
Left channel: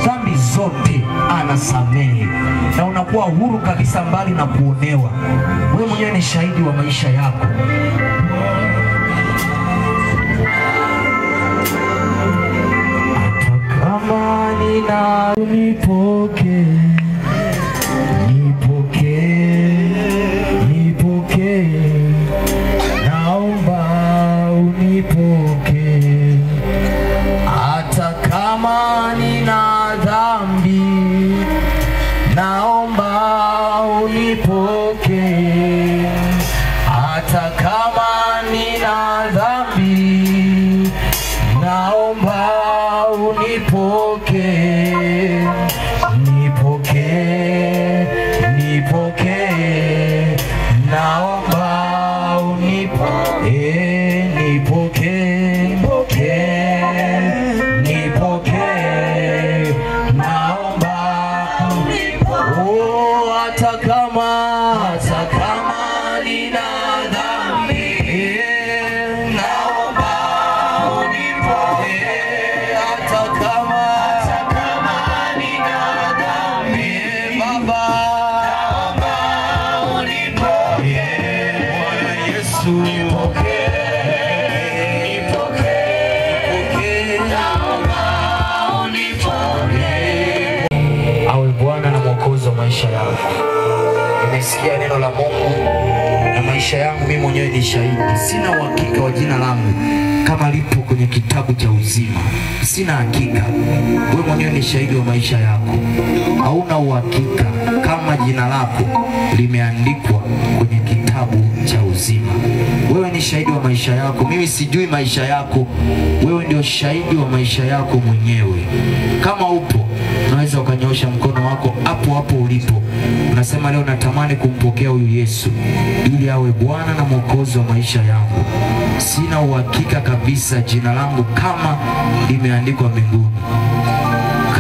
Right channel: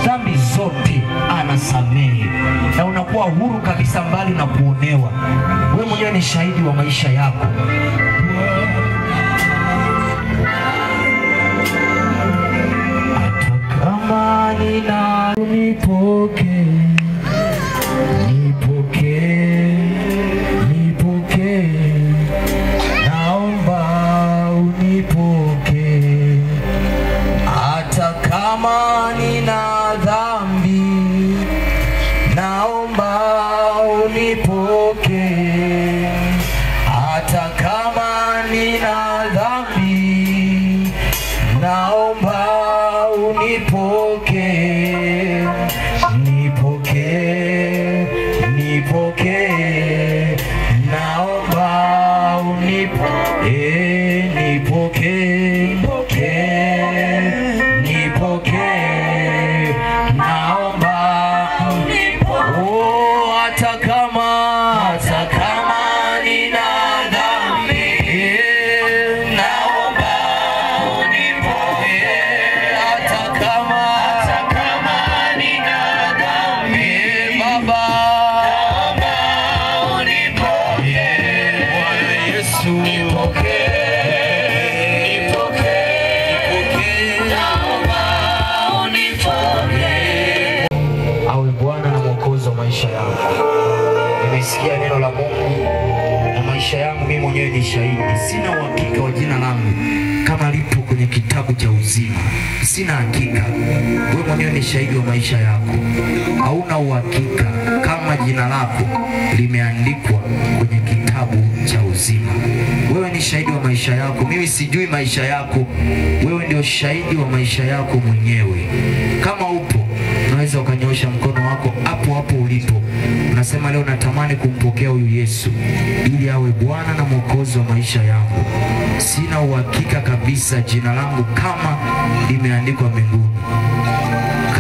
Dhambi zote anasamehe. Na unakuwa huru kabisa, mbali na kuonewa. Wewe mwenyewe ni shahidi wa maisha yako. Hata kama nina unipoke, kama nina dhambi, naomba unipoke. Hata kama nina dhambi, naomba unipoke. Nipoke, naomba unipoke. Nimesikia neno la Mungu na maisha yangu mimi mwenyewe ni shahidi. Sina uhakika wa jina langu kama lipo kwenye kitabu cha uzima. Sina hakika. Wewe mwenyewe ni shahidi wa maisha yako. Hauna uhakika kama jina lako limeandikwa kwenye kitabu cha uzima. Wewe ni shahidi wa maisha yako. Mimi sijui maisha yako. Wewe ndio shahidi wa maisha yako mwenyewe. Kama upo, unaweza ukanyosha mkono wako hapo hapo ulipo. Unasema leo natamani kumpokea huyu Yesu ili awe Bwana na Mwokozi wa maisha yangu. Sina uhakika kabisa jina langu kama limeandikwa mbinguni.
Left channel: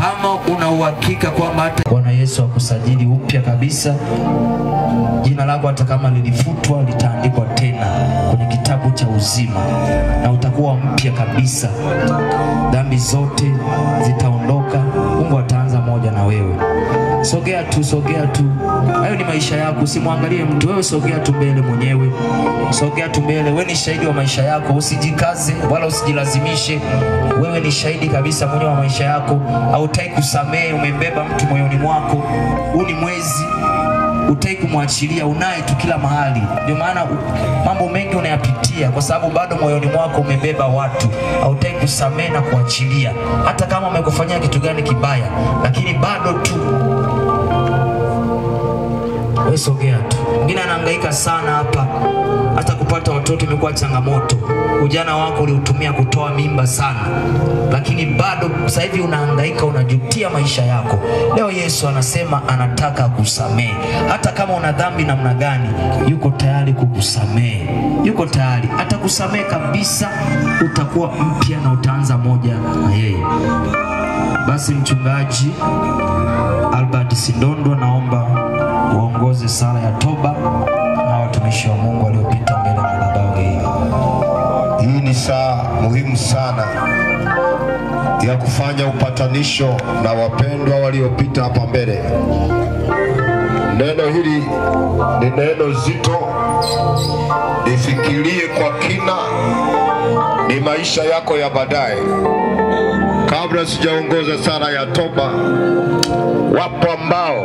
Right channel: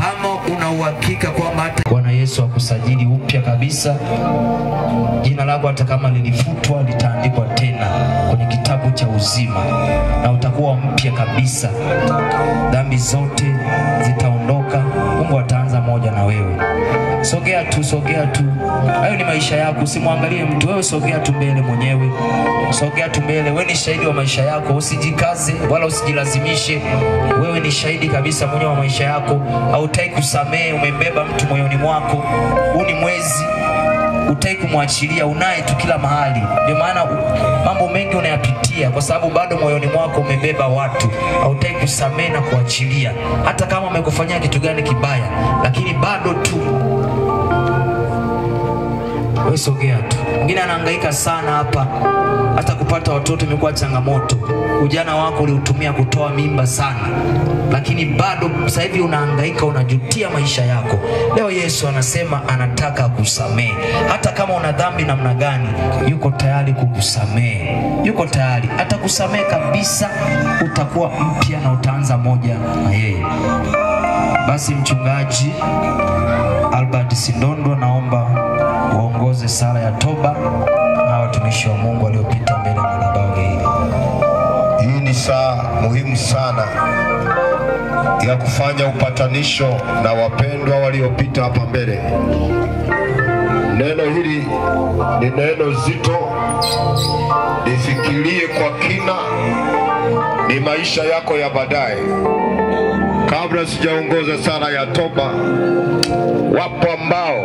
Kama una uhakika kwamba hata Bwana Yesu akusajili upya kabisa, jina lako hata kama lilifutwa litaandikwa tena kwenye kitabu cha uzima na utakuwa mpya kabisa. Dhambi zote zitaondoka. Mungu ataanza moja na wewe. Sogea tu. Hayo ni maisha yako. Usimwangalie mtu. Wewe sogea tu mbele mwenyewe. Sogea tu mbele. Wewe ni shahidi wa maisha yako. Usijikaze wala usijilazimishe. Wewe ni shahidi kabisa mwenyewe wa maisha yako. Hautaki kusamehe, umembeba mtu moyoni mwako. Huu ni mwezi. Hutaki kumwachilia, unaye tu kila mahali. Ndio maana mambo mengi unayapitia kwa sababu bado moyoni mwako umebeba watu. Hautaki kusamehe na kuachilia. Hata kama umekufanyia kitu gani kibaya, lakini bado tu wewe sogea tu. Mwingine anahangaika sana hapa. Hata kupata watoto imekuwa changamoto. Ujana wako uliutumia kutoa mimba sana. Lakini bado sasa hivi unahangaika, unajutia maisha yako. Leo Yesu anasema anataka kusamehe. Hata kama una dhambi namna gani, yuko tayari kukusamehe. Yuko tayari. Atakusamehe kabisa, utakuwa mpya na utaanza moja na yeye. Basi mchungaji Albert Sindondo, naomba uongoze sala ya toba na watumishi wa Mungu waliopita mbele ya madhabahu hii. Hii ni saa muhimu sana ya kufanya upatanisho na wapendwa waliopita hapa mbele. Neno hili ni neno zito. Nifikirie kwa kina, ni maisha yako ya baadaye. Kabla sijaongoza sala ya toba, wapo ambao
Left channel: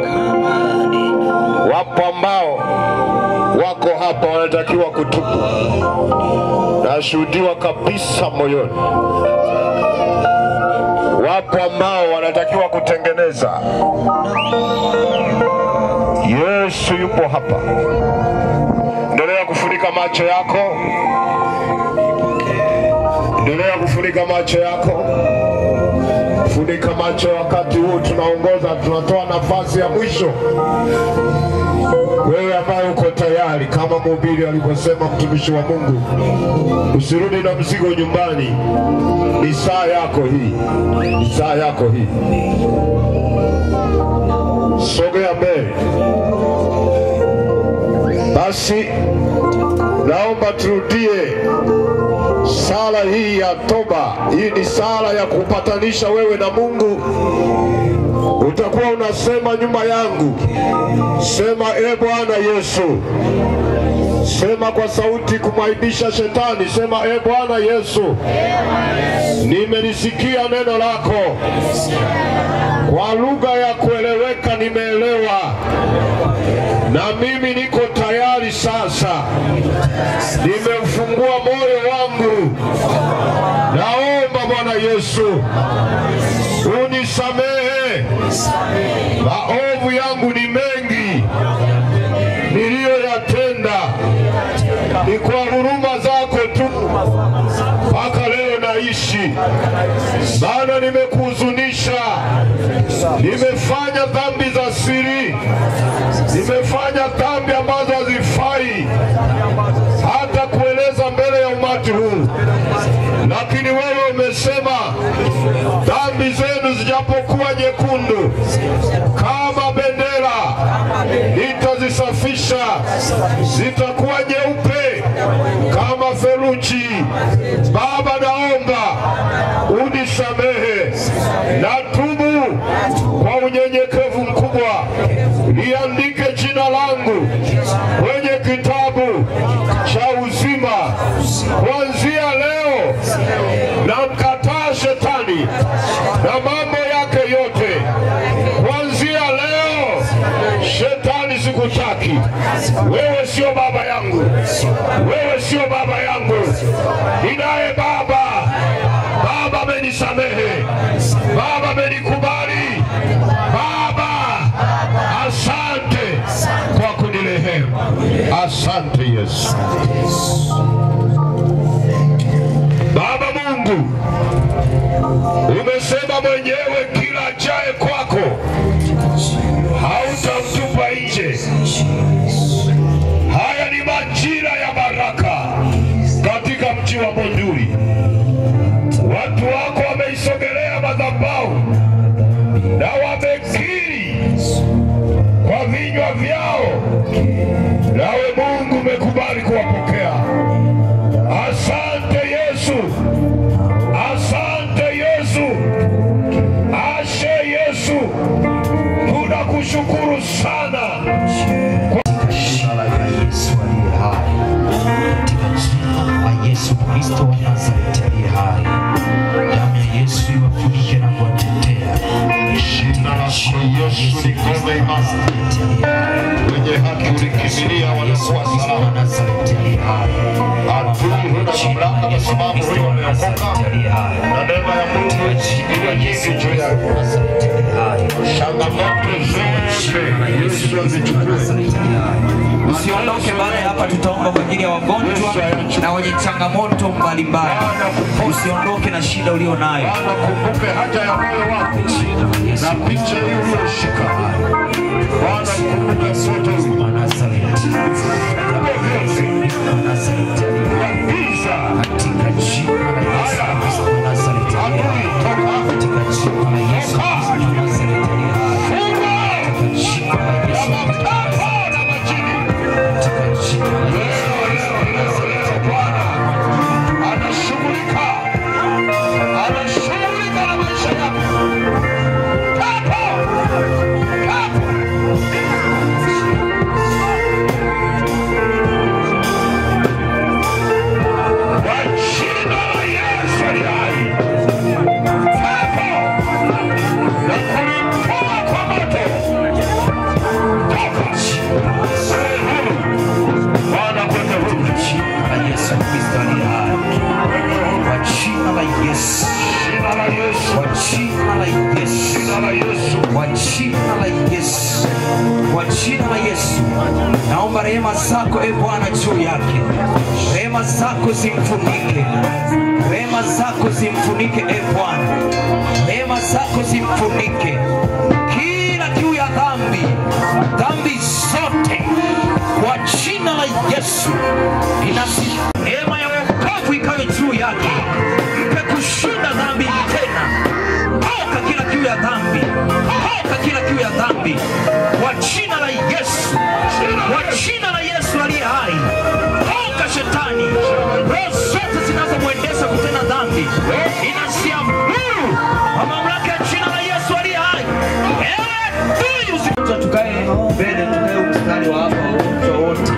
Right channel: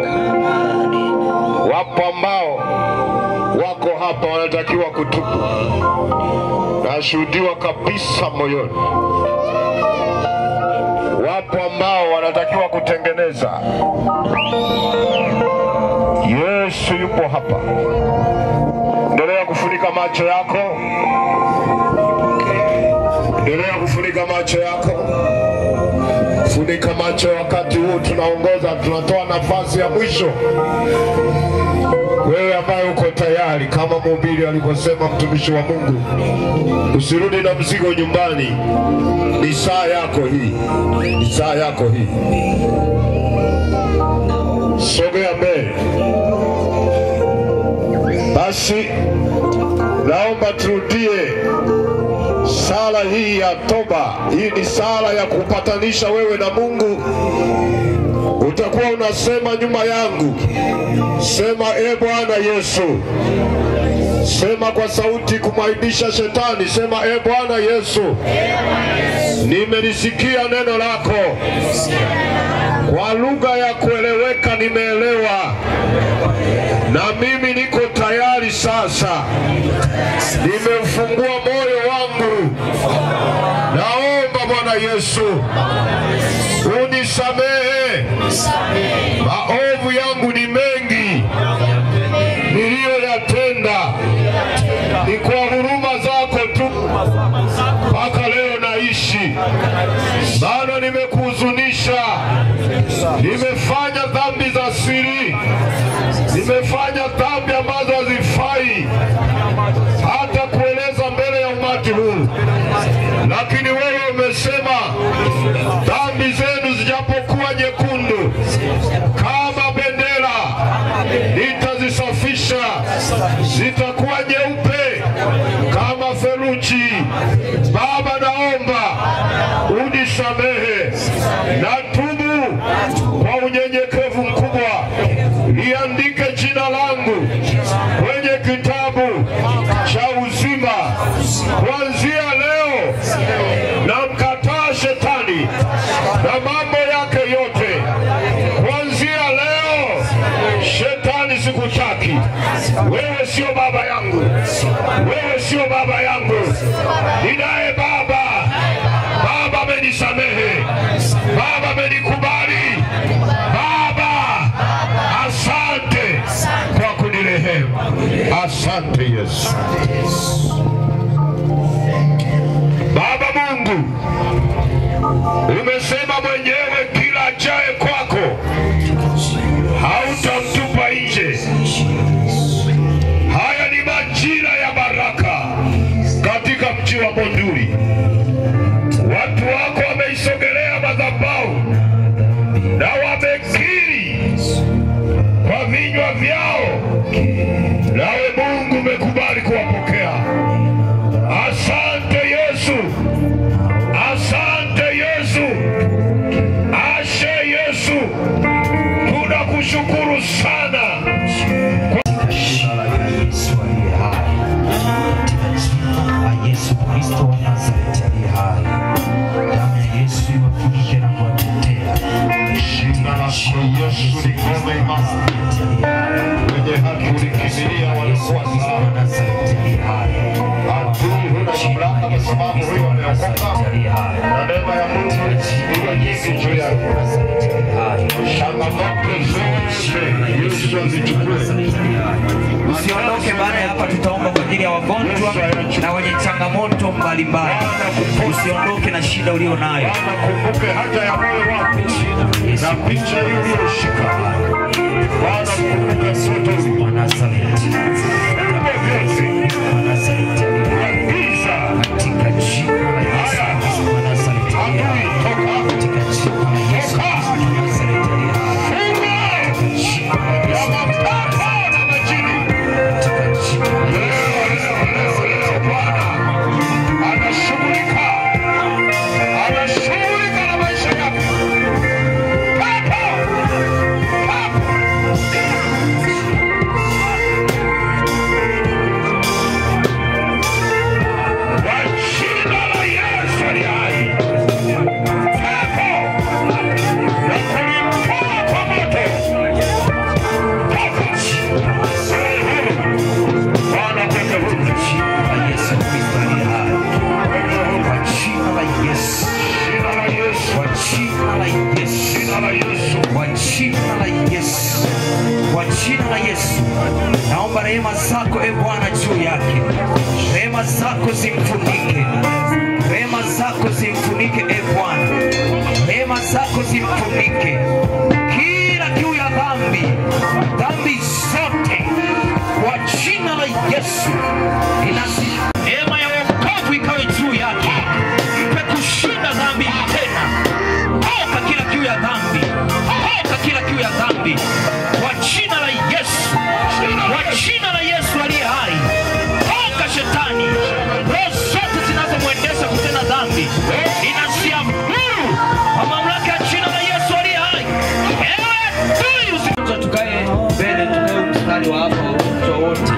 wako hapa wanatakiwa kutubu. Nashuhudiwa kabisa moyoni. Wapo ambao wanatakiwa kutengeneza. Yesu yupo hapa. Endelea kufunika macho yako. Endelea kufunika macho yako. Funika macho wakati huu tunaongoza, tunatoa nafasi ya mwisho. Wewe ambaye uko tayari kama mhubiri alivyosema mtumishi wa Mungu, usirudi na mzigo nyumbani. Ni saa yako hii. Ni saa yako hii. Sogea mbele. Basi naomba turudie sala hii ya toba. Hii ni sala ya kupatanisha wewe na Mungu. Utakuwa unasema nyuma yangu. Sema, e Bwana Yesu. Sema kwa sauti kumwaibisha shetani. Sema, e Bwana Yesu, nimelisikia neno lako. Kwa lugha ya kueleweka nimeelewa. Na mimi niko tayari sasa. Nimefungua moyo wangu. Naomba Bwana Yesu unisamehe. Maovu yangu ni mengi niliyoyatenda. Ni kwa huruma zako tu mpaka leo naishi. Maana nimekuhuzunisha. Nimefanya dhambi za siri. Nimefanya dhambi ambazo hazifai hata kueleza mbele ya umati huu. Lakini wewe umesema dhambi zenu zijapokuwa nyekundu kama bendera, nitazisafisha. Zitakuwa nyeupe kama theluji. Baba, naomba unisamehe. Natubu kwa unyenyekevu mkubwa. Liandike jina langu kwenye kitabu cha uzima. Kuanzia leo namkataa shetani na mambo yake yote. Kuanzia leo shetani sikutaki. Wewe sio baba yangu. Wewe sio baba yangu. Ninaye baba. Baba amenisamehe. Baba amenikubali. Baba, asante kwa kunirehemu. Asante Yesu. Baba Mungu, umesema mwenyewe kila ajaye kwako hautamtupa nje. Haya ni majira ya baraka katika mji wa Monduli. Watu wako wameisogelea madhabahu na wamekiri kwa vinywa vyao, nawe Mungu umekubali kuwapokea. Asante Yesu. Asante Yesu. Ashe Yesu. Tunakushukuru sana. Yesu Kristo wa Nazareti aliye hai. Damu ya Yesu iwafunike na kuwatetea. Jina lako Yesu ni ngome imara. Wenye haki ulikimbilia walikuwa salama. Adui huna mamlaka kwa sababu wewe umeokoka. Na neema ya Mungu iwe nyingi juu yake. Changamoto zote Yesu azichukue. Usiondoke baada ya hapa, tutaomba kwa ajili ya wagonjwa na wenye changamoto mbalimbali. Usiondoke na shida ulio nayo. Kumbuke haja ya moyo wako na picha iliyoshika. Bwana kumbuke sote wa Nazareti. Katika jina la Yesu wa Nazareti. Katika jina la Yesu wa Nazareti. Naomba rehema zako e Bwana juu yake. Rehema zako zimfunike. Rehema zako zimfunike e Bwana. Rehema zako zimfunike. Kila juu ya dhambi zote kutenda dhambi kwa jina la Yesu, kwa jina la Yesu aliye hai. Toka shetani, roho zote zinazomwendesha kutenda dhambi inaziamuru kwa mamlaka ya jina la Yesu aliye hai. Tukae mbele, tukae mstari wa hapa wote.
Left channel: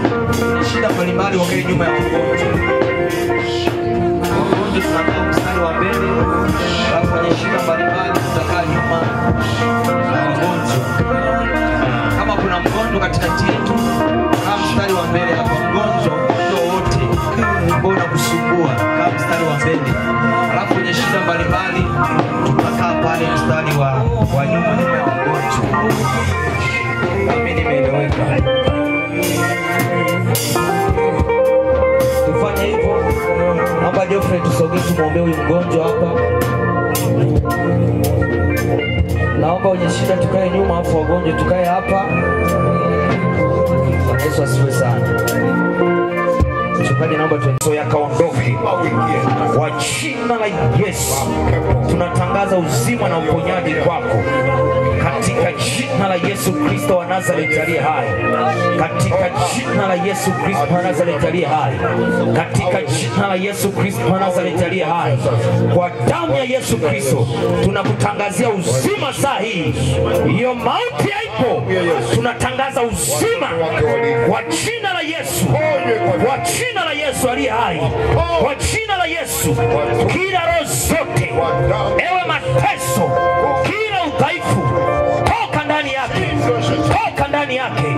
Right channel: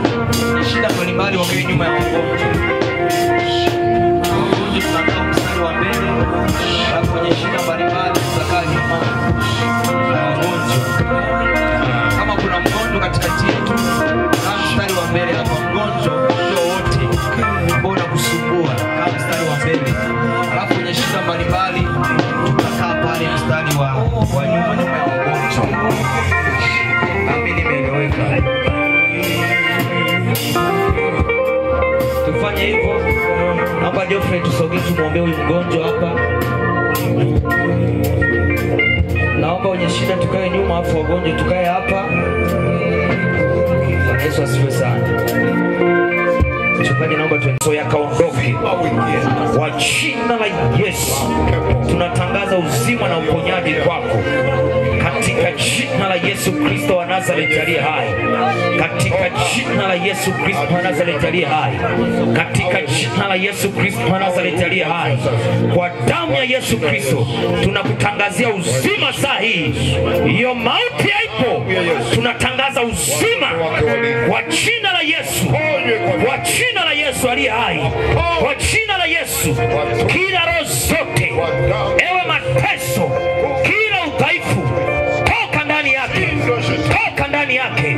Shida mbalimbali wamewe nyuma ya mgonjwa. Mgonjwa tunakaa mstari wa mbele, na kwenye shida mbalimbali tutakaa nyuma na wagonjwa. Kama kuna mgonjwa katikati yetu, kaa mstari wa mbele hapa. Mgonjwa wote ambao unakusumbua, kaa mstari wa mbele. Alafu kwenye shida mbalimbali tutakaa pale mstari wa nyuma ya mgonjwa. Kami nimeeleweka. Tufanye hivyo. Naomba Geoffrey tusogee tumuombee huyu mgonjwa hapa. Naomba wenye shida tukae nyuma, hapo wagonjwa tukae hapa. Yesu asifiwe sana. Mchungaji, naomba tuendelee yakaondoke kwa jina la Yesu. Tunatangaza uzima na uponyaji kwako katika jina la Yesu Kristo wa Nazareti aliye hai, katika jina la Yesu Kristo wa Nazareti aliye hai, katika jina la Yesu Kristo wa Nazareti aliye hai. Kwa damu ya Yesu Kristo tunakutangazia uzima saa hii. Hiyo mauti haipo, tunatangaza uzima kwa jina la Yesu, kwa jina la Yesu aliye hai, kwa jina la Yesu. Kila roho zote, ewe mateso, kila udhaifu, toka ndani yake, toka ndani yake,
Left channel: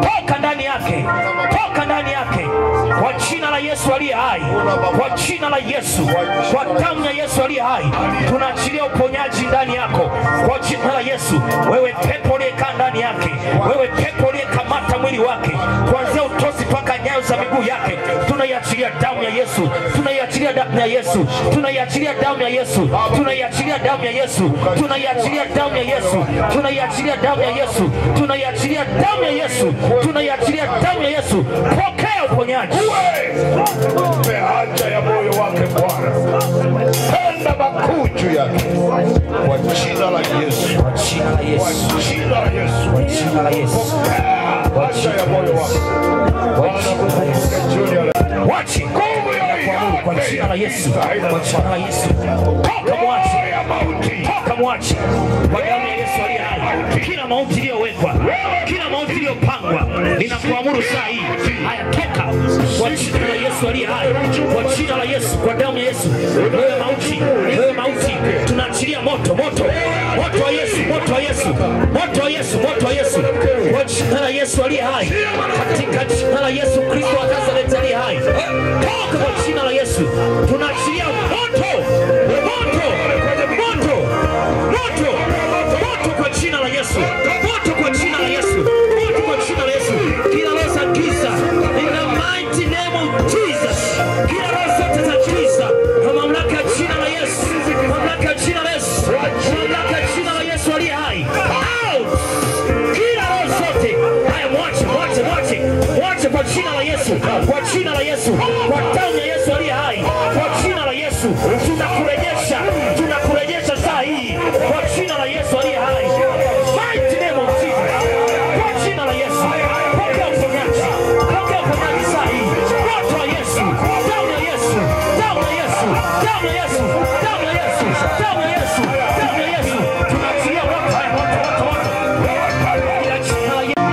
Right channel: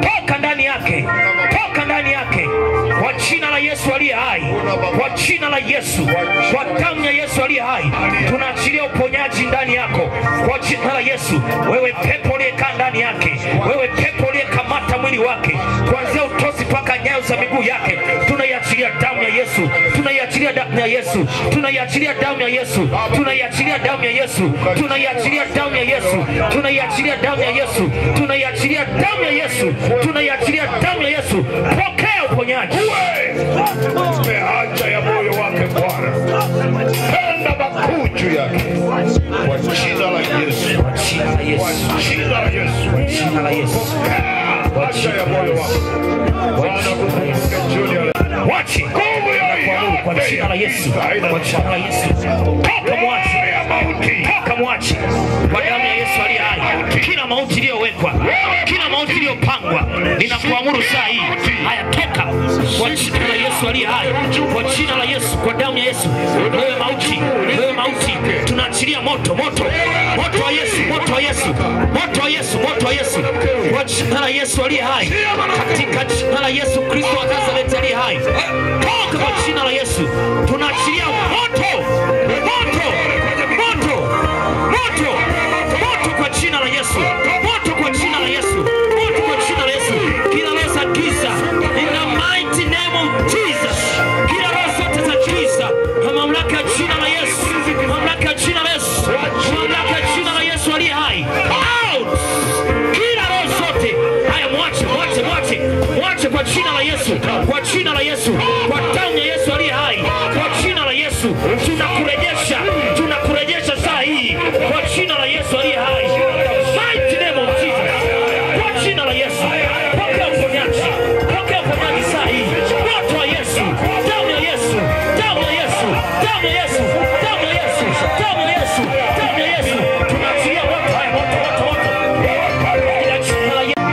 toka ndani yake, toka ndani yake, kwa jina la Yesu aliye hai, kwa jina la Yesu, kwa damu ya Yesu aliye hai. Tunaachilia uponyaji ndani yako kwa jina la Yesu. Wewe pepo uliyekaa ndani yake, wewe pepo uliyekamata mwili wake kuanzia utosi mpaka nyayo za miguu yake, tunaiachilia damu ya Yesu, tunaiachilia damu ya Yesu, tunaiachilia damu ya Yesu, tunaiachilia damu ya Yesu, tunaiachilia damu ya Yesu, tunaiachilia damu ya Yesu, tunaiachilia damu ya Yesu, tunaiachilia damu ya Yesu. Pokea uponyaji. Haja ya moyo wake Bwana, tenda makuu juu yake kwa jina la Yesu, kwa jina la Yesu, kwa jina la Yesu, kwa jina la Yesu, haja ya moyo wake Bwana, kufunga jioni ya wachi kwa jina la Yesu, kwa jina la Yesu. Toka mwachi, toka mwachi kwa damu ya Yesu aliye hai. Kila mauti iliyowekwa, kila mauti iliyopangwa, ninakuamuru saa hii, haya toka kwa jina la Yesu aliye hai, kwa jina la Yesu, kwa damu ya Yesu. Wewe mauti, wewe mauti, tunaachilia moto, moto, moto wa Yesu, moto wa Yesu, moto wa Yesu, moto wa Yesu, kwa jina la Yesu aliye hai, katika jina la Yesu Kristo wa Nazareti aliye hai. Toka kwa jina la Yesu, tunaachilia moto, moto, moto, moto, moto kwa jina la Yesu, moto kwa jina la Yesu, moto kwa jina la Yesu. Kila roho za giza, in the mighty name of Jesus, kila roho zote za giza, kwa mamlaka ya jina la Yesu, mamlaka ya jina la Yesu, mamlaka ya jina la Yesu aliye hai. Out! Kila roho zote, haya mwache, mwache, mwache, mwache kwa jina la Yesu, kwa jina la Yesu, kwa damu ya Yesu aliye hai, kwa jina la Yesu. Tunakurejesha, tunakurejesha saa hii kwa jina la Yesu aliye hai. Mighty name of Jesus, kwa jina la Yesu. Pokea uponyaji, pokea uponyaji saa hii. Moto wa Yesu, damu ya Yesu, damu ya Yesu, damu ya Yesu, damu ya Yesu, damu ya Yesu, damu ya Yesu. Tunaachilia moto, haya moto, moto, moto. Ila jina la Yesu,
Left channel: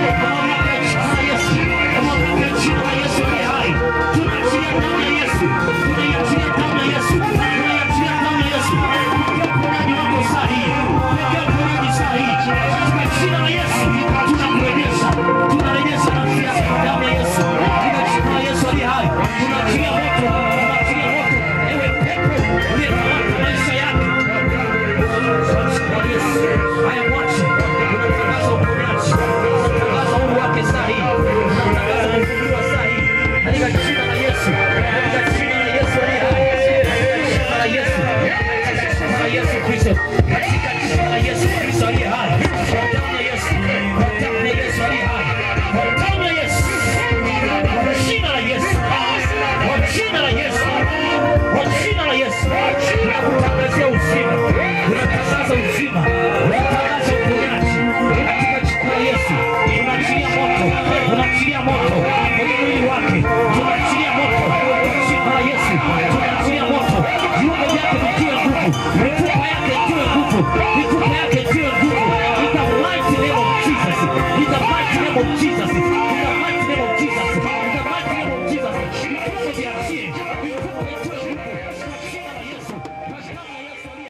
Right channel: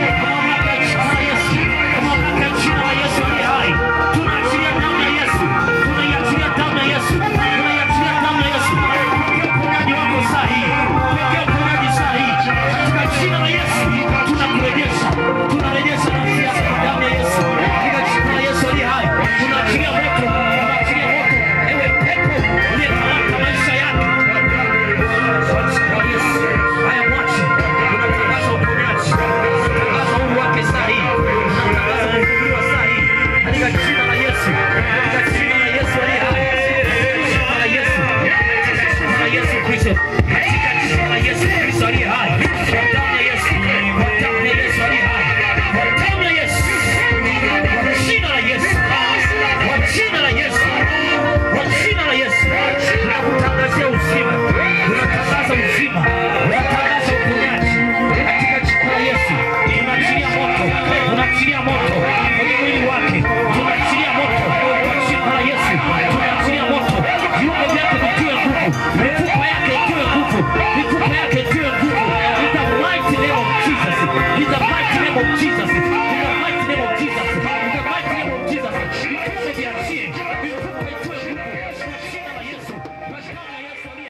jina la Yesu aliye hai. Tunaachilia damu ya Yesu, tunaiachilia damu ya Yesu, tunaiachilia damu ya Yesu. Pokea uponyaji wako saa hii, pokea uponyaji saa hii katika jina la Yesu.